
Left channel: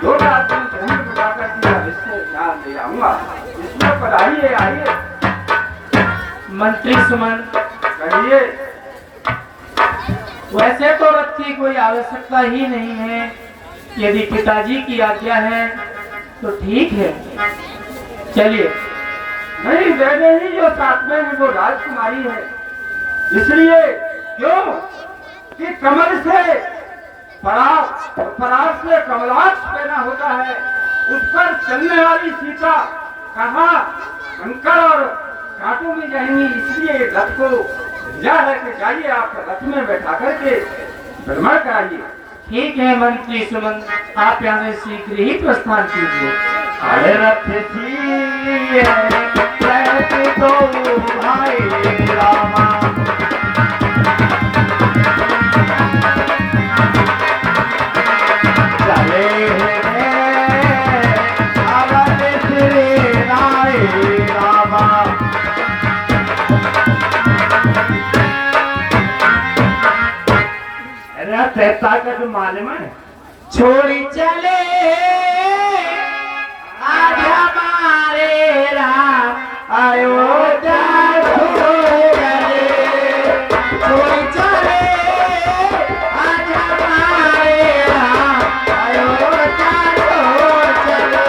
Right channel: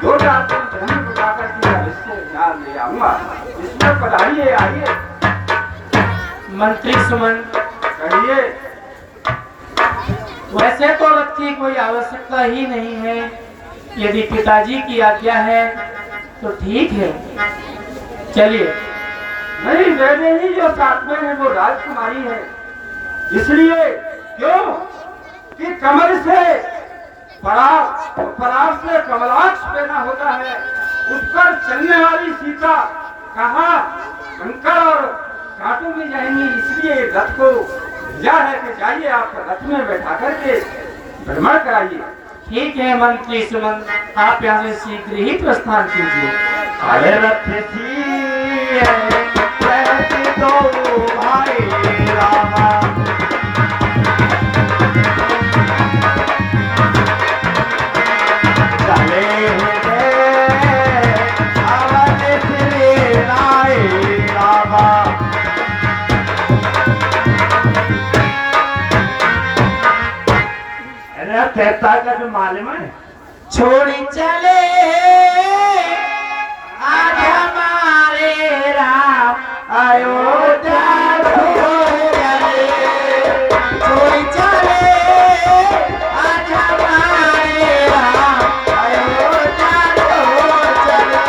2-4 दिन धर्म बुलाकर के अवश्य ध्यान ले आऊंगा। इसमें पधारिए, आइए। मंत्री सुमन, कहिए। वैसे तो रथ की कोई आवश्यकता ही नहीं है। यदि पिताजी की आज्ञा है तो ठीक है, चलिए। नहीं, मैंने ही जो साथ में है वो राजकुमारी है। इसलिए क्यों कि कमल से पराग से कमलाक्ष पैदा होता है, उस पर चलने वाली सीता कहाँ कंकर और कांटों में जाएंगी। इसलिए रथ को भेजा है कि जाइए, आप रथ में बैठा करके भ्रमण कराइए। ठीक है मंत्री सुमन, आप यहाँ से शीघ्र ही प्रस्थान कीजिए। अरे रथ सिए रहते तो भाई रामा, चले अवध श्री राय रामा। रथ ताकत मालूम है, छोड़ी चले आज हमारे राम अयोध्या चले, छोड़ी चले आज हमारे राम अयोध्या चले।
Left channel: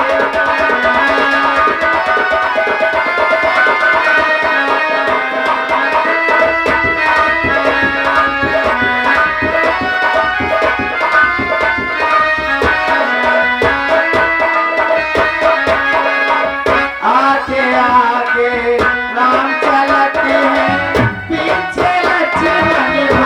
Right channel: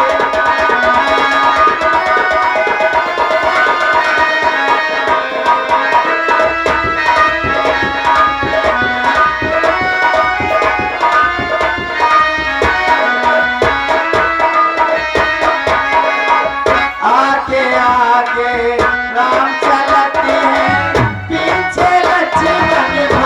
आगे आगे राम चलते हैं, पीछे लक्ष्मण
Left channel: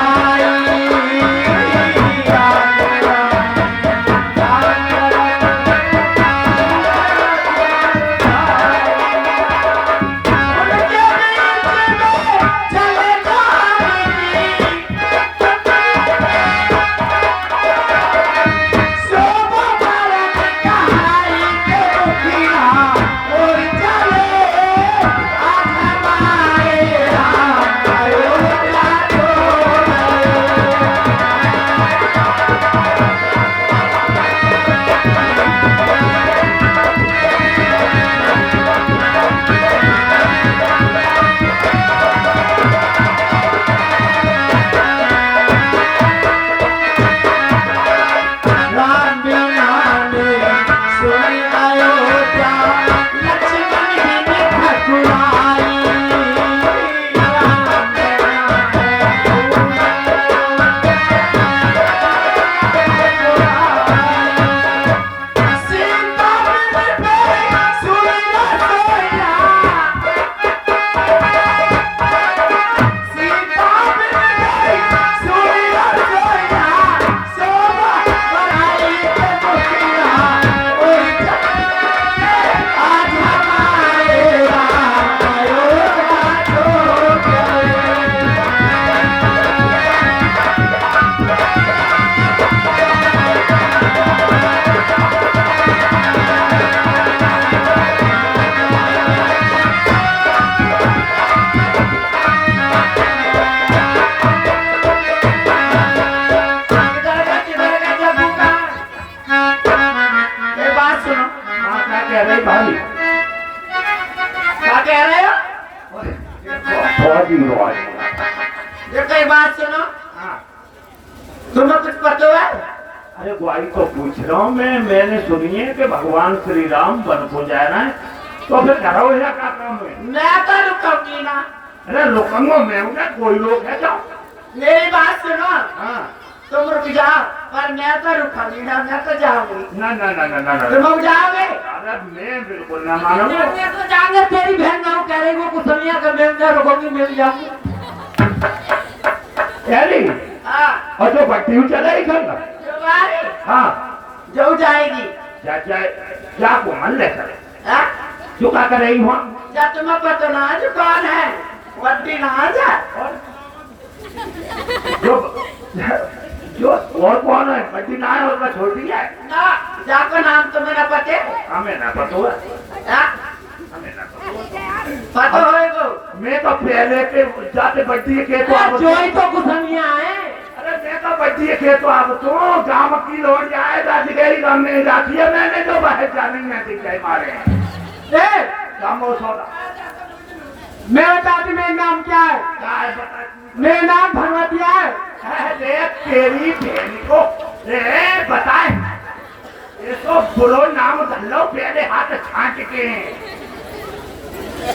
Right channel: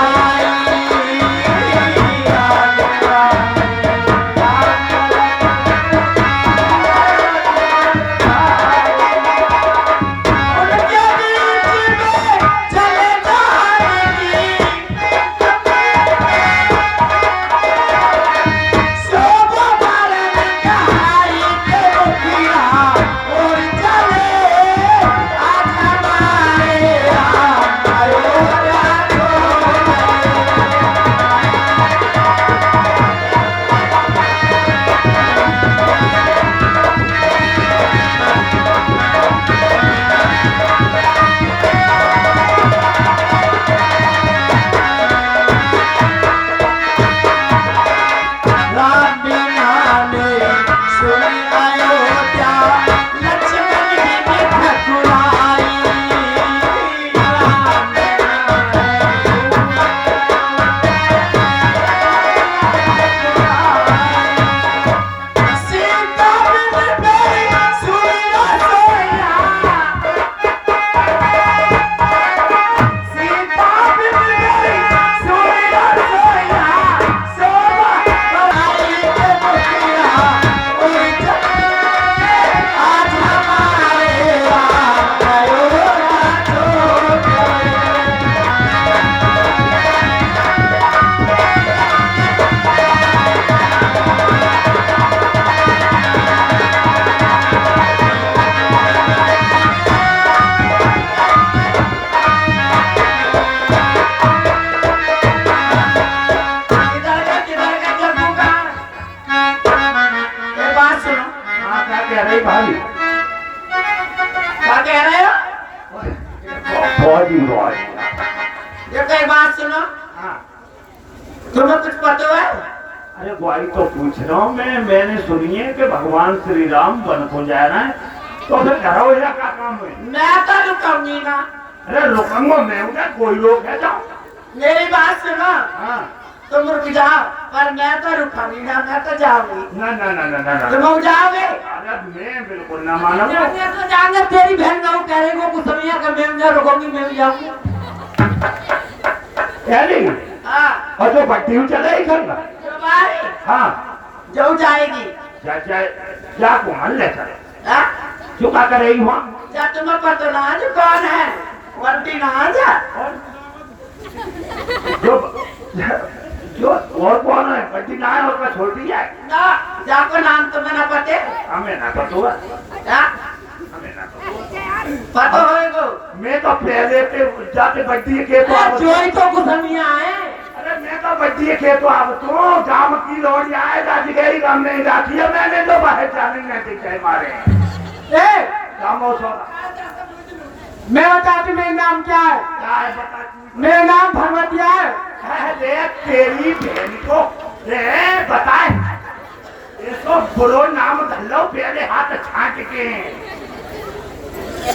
ये कई बात सुनो, हाँ। तुम्हें कुछ पता है? अरे वही तो पूछ रहा हूँ मैंने सुनी है कि भगवान श्री राम वन को जा रहे हैं, तो फिर घर हो या क्या काम हुए? मैं तो रुकूंगी ना। अरे रुकूंगा मैं हूँ क्या? कोई लोग है जाओ। मेरी बात सुनो, हाँ। तुम रुक जाओ, पर मैं तो रुकूंगी ना, मैं तो जाऊंगी। ना ना ना ना ना ना। तुम रुक जाओगे? अरे मैं बिल्कुल ना मानूंगा। मैं तो जाऊंगा, तेरी बहन का वो कह रही है कुसलिया का मैं ना रुकूंगी, मिल जाऊंगी। क्या नहीं? हाँ, और जो भट्टी हुई चले ही करना। तुम्हारी हाँ। जो जाएगी। क्या को मान ले चले? हाँ? जो क्या करेगी वहाँ? क्या तुम्हें पता ना जो कौन है? वंटी ना जा। जो और कौन है? भट्टी ना है उसका छोड़ दी जाए। ना, जाको नाम तुम्हें ना पते? हमें ना पता हुआ। हाँ? हमें ना पता हुआ। पता होएगो। मैं तो पहले के जाते बड्डी के तो आप जो ही तो कुसलिया है। अरे मैं तो बड्डी के तो आप तो गांव की लोग आए राजगीरी गांव में जाती है, मैंने जो बाहर जाने में दिखे मारे ए, गांव सोना मेरा चाची मेरा नाम क्या है? काय बता मेरा नाम भगवतिया है। अरे तेरी बहन को रे बताए इसको बोलो नाम धल्लो पहले हाथ छांट के।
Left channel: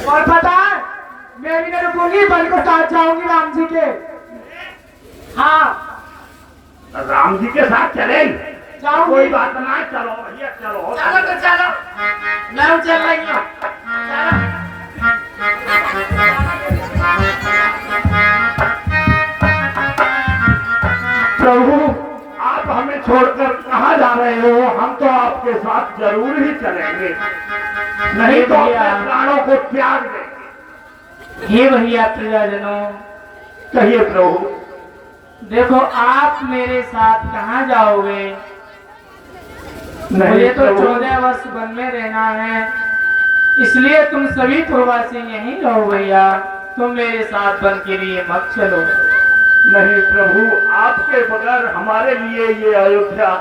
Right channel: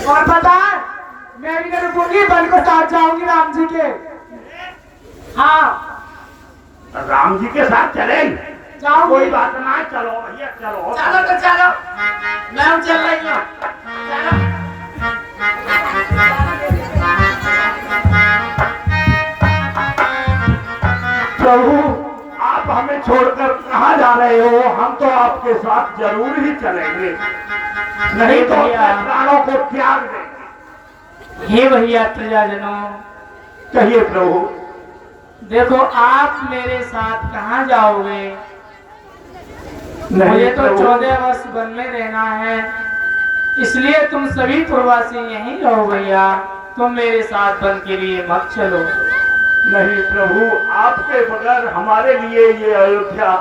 और पता है, मैं भी रुकूंगी, बल को साथ जाऊंगी राम जी के। हाँ, राम जी के साथ चले जाऊंगी। कोई बात ना, चलो भैया चलो। चलो तो चलो, मैं चल रही हूँ। चलो। प्रभु आप हमें छोड़कर कहाँ जा रहे हो? हम तो आपके साथ जरूर ही चलेंगे, नहीं तो भैया। अपने प्राणों को त्याग देंगे। हे भैया प्रजाजनों, कहिए प्रभु। देखो आप मेरे साथ कहाँ जाओगे? नहीं मुझे तो प्रभु। 14 वर्ष वन में रहना है, इसलिए तुम सभी प्रवासी यहीं रहो भैया, तुम मेरे साथ वन के लिए मत चलो। नहीं प्रभु, आपके बगैर हमारे लिए ये अयोध्या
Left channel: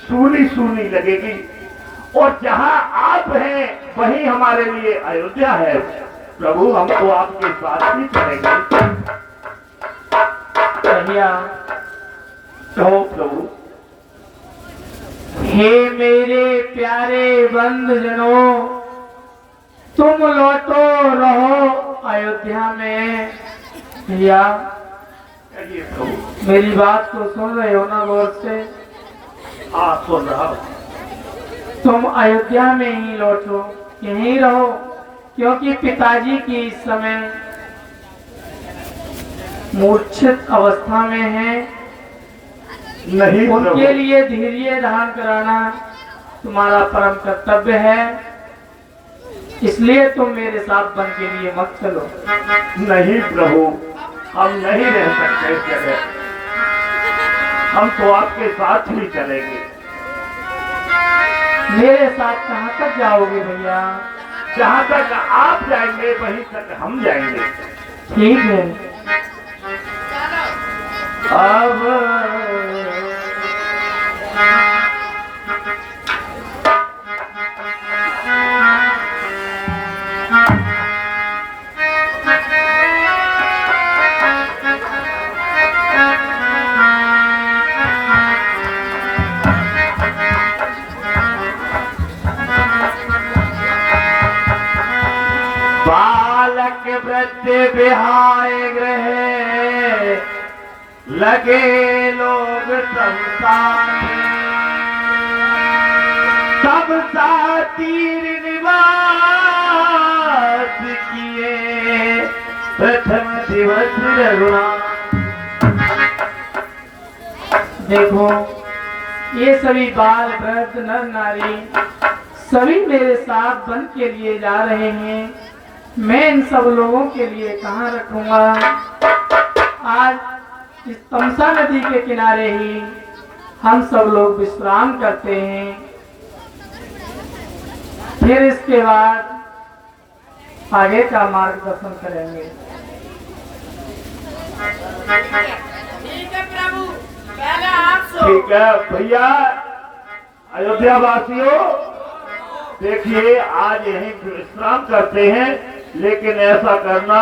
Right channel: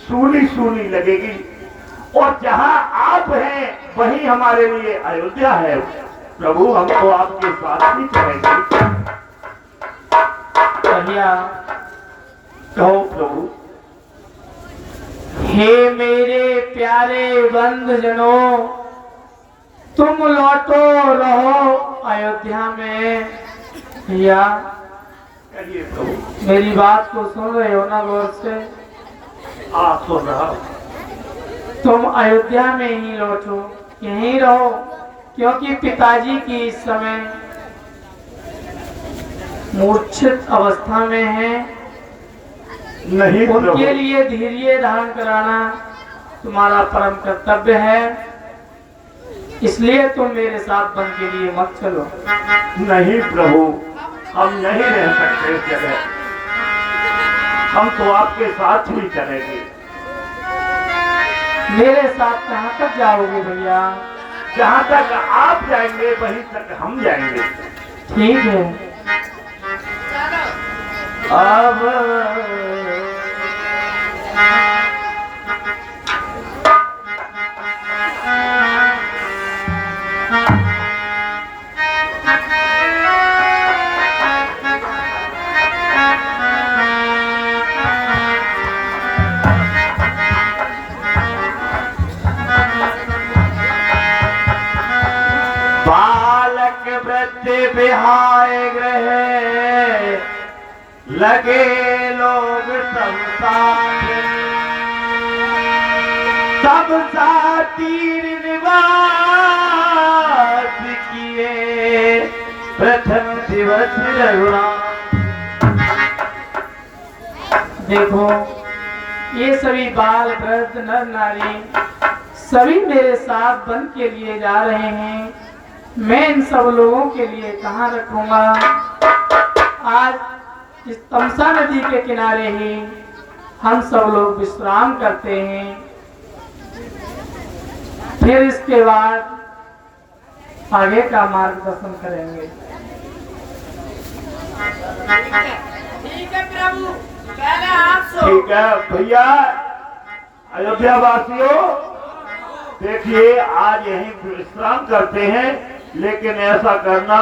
सूनी सूनी लगेगी, और जहाँ आप हैं वही हमारे लिए अयोध्या है। प्रभु हम तो आपके साथ ही चलेंगे। भैया कहो प्रभु। हे मेरे प्यारे बंधुजनों, तुम लौटो रहो अयोध्या में। भैया कहिए प्रभु। मेरी बात को सुन रहे हो ना गौर से? सुन रहा हूं। तुम अयोध्या में ही लौटो, यहीं रहो, क्योंकि पिताजी की इस समय मूर्छित अवस्था में है। नहीं उनके प्रभु। लिए धैर्य धारण कराना तुम्हारा परम कर्तव्य है, इसलिए तुम मेरे साथ वन के लिए मत चलो। नहीं प्रभु, हम नहीं रह सकते इस जगह, हम तो आपके साथ ही चलेंगे। मेरे साथ कहाँ तक जाओगे भैया? जहाँ तक आप जाएंगे वहीं तक हम जाएंगे। ठीक है। अब बालक वृद्ध बिहाय गृह लगे लोग संसार, सब सा तीर निवास किए प्रथम दिवस रघुना। देखो ये सभी बाल वृद्ध नर नारी सभी मेरे साथ वन के लिए जा रहे हैं। मैं इन सब लोगों के लिए कहाँ रखूंगा? आज इस तमसा नदी के किनारे ही हम सब लोग विश्राम करते हैं, फिर इसके बाद आगे का मार्गदर्शन करेंगे। ठीक है प्रभु, पहले आप सो। ठीक है भैया। अयोध्या वासियों देखिए, आज यहीं विश्राम करते हैं, लेकिन ऐसा करना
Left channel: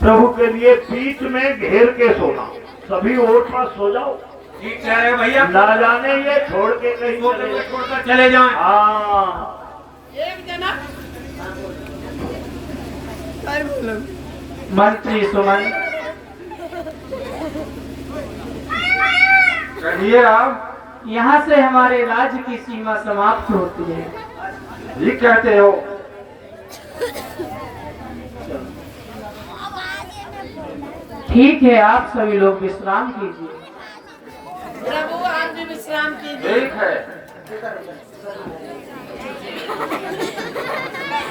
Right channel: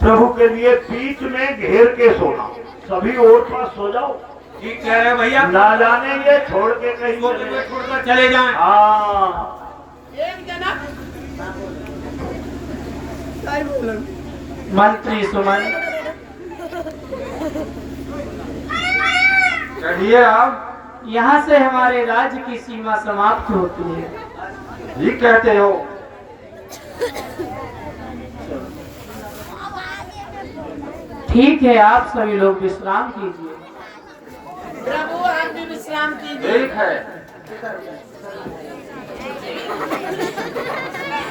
प्रभु के लिए बीच में घेर के सोना, सभी और पास सो जाओ। ठीक कह रहे हो भैया, ना जाने ये छोड़ के कहीं वो चले। छोड़कर चले जाएं। हाँ मंत्री सुमन, कहिए आप। यहाँ से हमारे राज्य की सीमा समाप्त होती है। ठीक कहते हो। ठीक है, आप सभी लोग विश्राम कीजिए। प्रभु आप भी विश्राम कीजिए। ठीक है।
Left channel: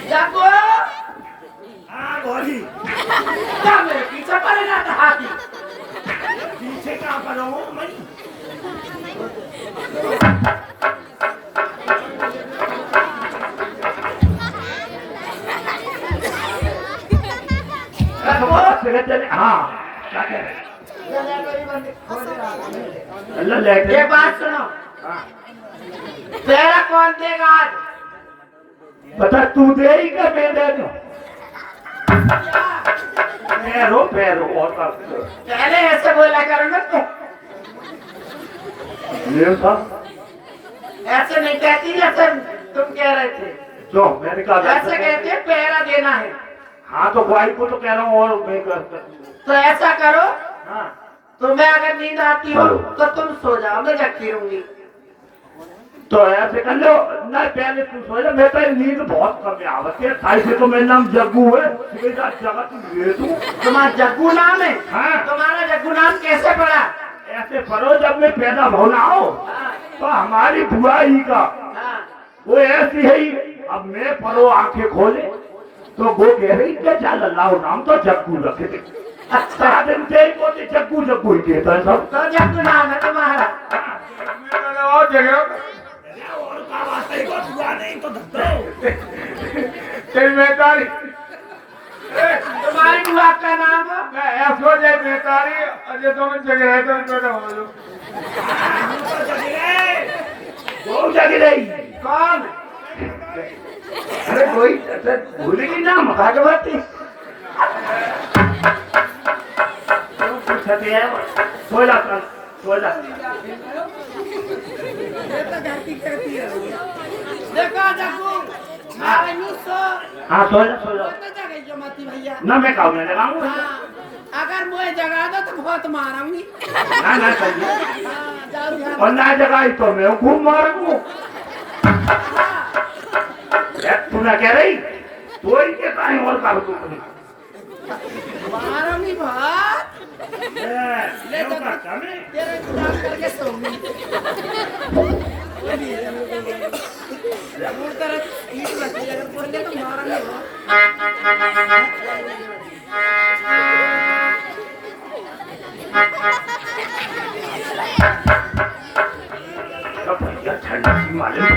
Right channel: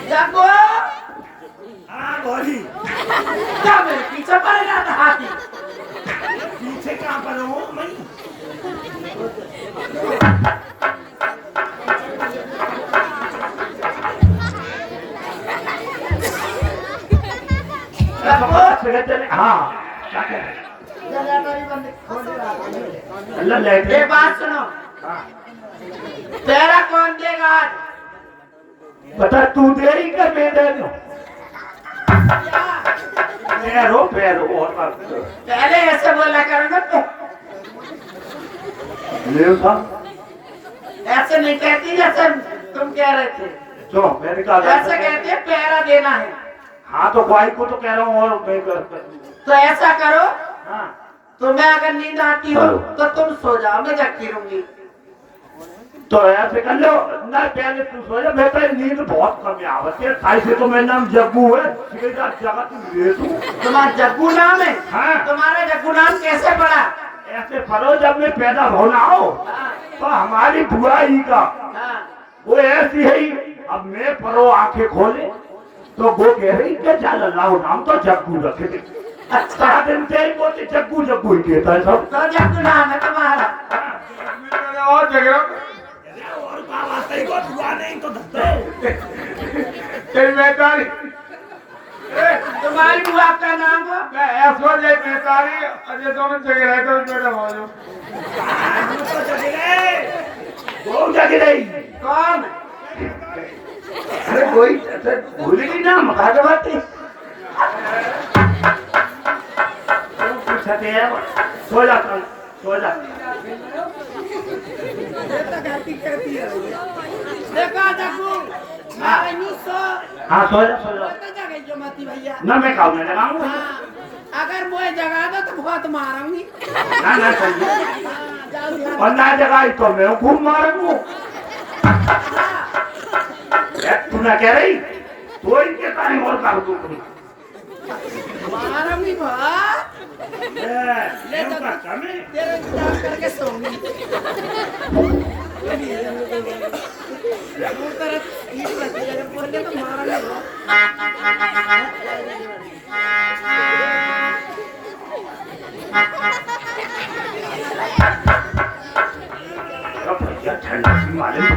जागो। हाँ बोली, क्या मेरे पीछे पड़ेगा तो हाथी। पीछे क्या करो मैं? चले। हाँ क्या कह रहे? अल्लाह लेके। एक बात सुनो, तेरा कौन देगा आज? बता तू दे ही का मैं दे दूं? पैरो पैरो और पहले ऐसे बोला करेंगे तो ले था। ऐसे नहीं कहती जैसे तुम कह रहे थे। जो मैंने कहा ऐसे कहते हैं पहरा देना है। हाँ तो भाई को तो कह रहा हूँ और मैं तो ऐसा करो, हाँ तुम्हें अगर नींद आती हो हेलो। तो तुम सो जाओ, मैं जगती रहूंगी। तो ऐसे कर लो ना, पहले तू सो जा। मैं तो नींद बहुत कम आवती है, खाई से तो मेरा नाम जग्गू है। जगह तू ले तू। तुम्हारा जग्गू नाम है? हाँ। तुम्हारा जग्गू नाम कैसे पड़ा? ऐसे पढ़ो, जब मैं पैदा होना हो हाँ, तो हमारी बुआई का हाँ। वो ऐसी है ही। अब मैं पढ़ो आंखें खोले तो वो कह रही कि चल अल्लाह नाम तो जग्गू रखे थे। अच्छा दिन से ही बोलते जग्गू जग्गू ही देता है सब। तो जग्गू नाम है तुम्हारा? और जगह और का वास्ता ही बहुत हुआ नहीं तो धक्के। तेरी मेहतारी तुम्हारी बुआ का नाम हो? ऐसो जय मेहतारी और ये दोनों जगह है तो मेरा हो जो तो जगले वो जगह नहीं। कौन? अरे कोई भूलेगी ना मखा के बात पूछते हैं। सो जा सो जा। देखो जग्गू, मारे यूं सो। हाँ सो जा सो जा। मैं जगह जो मती भैया। ना मैं खाऊ ना लगाऊंगा। हाँ, अगर मुझे जगा दो तो बहुत मारूंगी। ना ना सही है। हाँ, जाओ ध्यान। और ना जगाई तो मैं खूब मारूंगा। हाँ, तू ना कह रही तो इनके ताई और का हुक्म मारूंगी बहुत। ले तो नहीं। तेरे इंतजाम करके सोऊंगी। दूर तरह ईट बची, अगर पड़ गए तो मारूंगी बहुत। भैया ठंडा की मालूम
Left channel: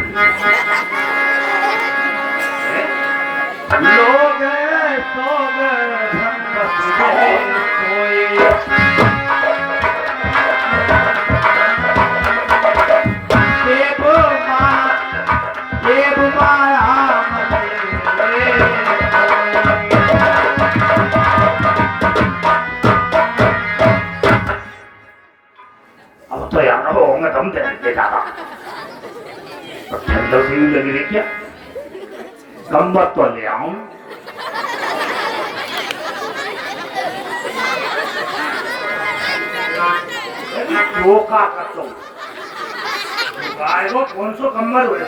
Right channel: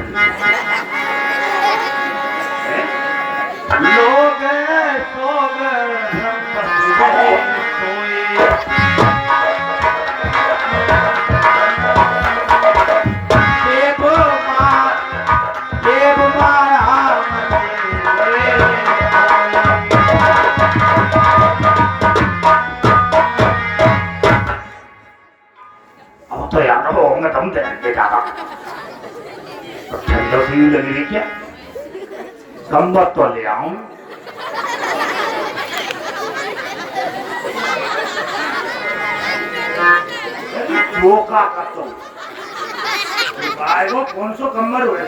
लोग सो गए सोए। अब तो यार वो होंगे तुम देंगे ज्यादा ठंडा भी लगी रही क्या? गम्बत तो ले आऊं। धोखा कर दो वो कौन सो कम्बल हुए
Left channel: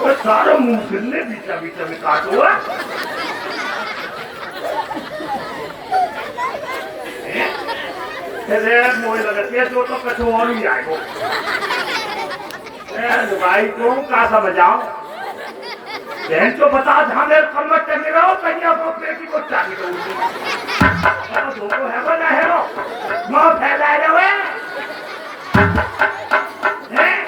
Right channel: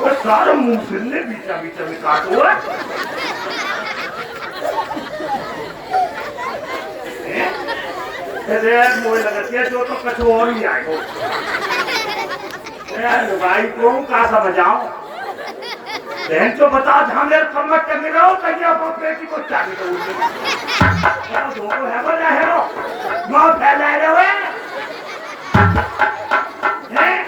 तो सारा मुंह फिरने बीचा बीचा में काटो है। अरे मुझे लगती है तो कुछ और ही आएगा। भाई को क्या समझाओ बहन तो बता जहाँ मेरे कमर टंगे रहो कहीं आप बेटी को चाबी दो है वो ना है वो फैला रहे हैं।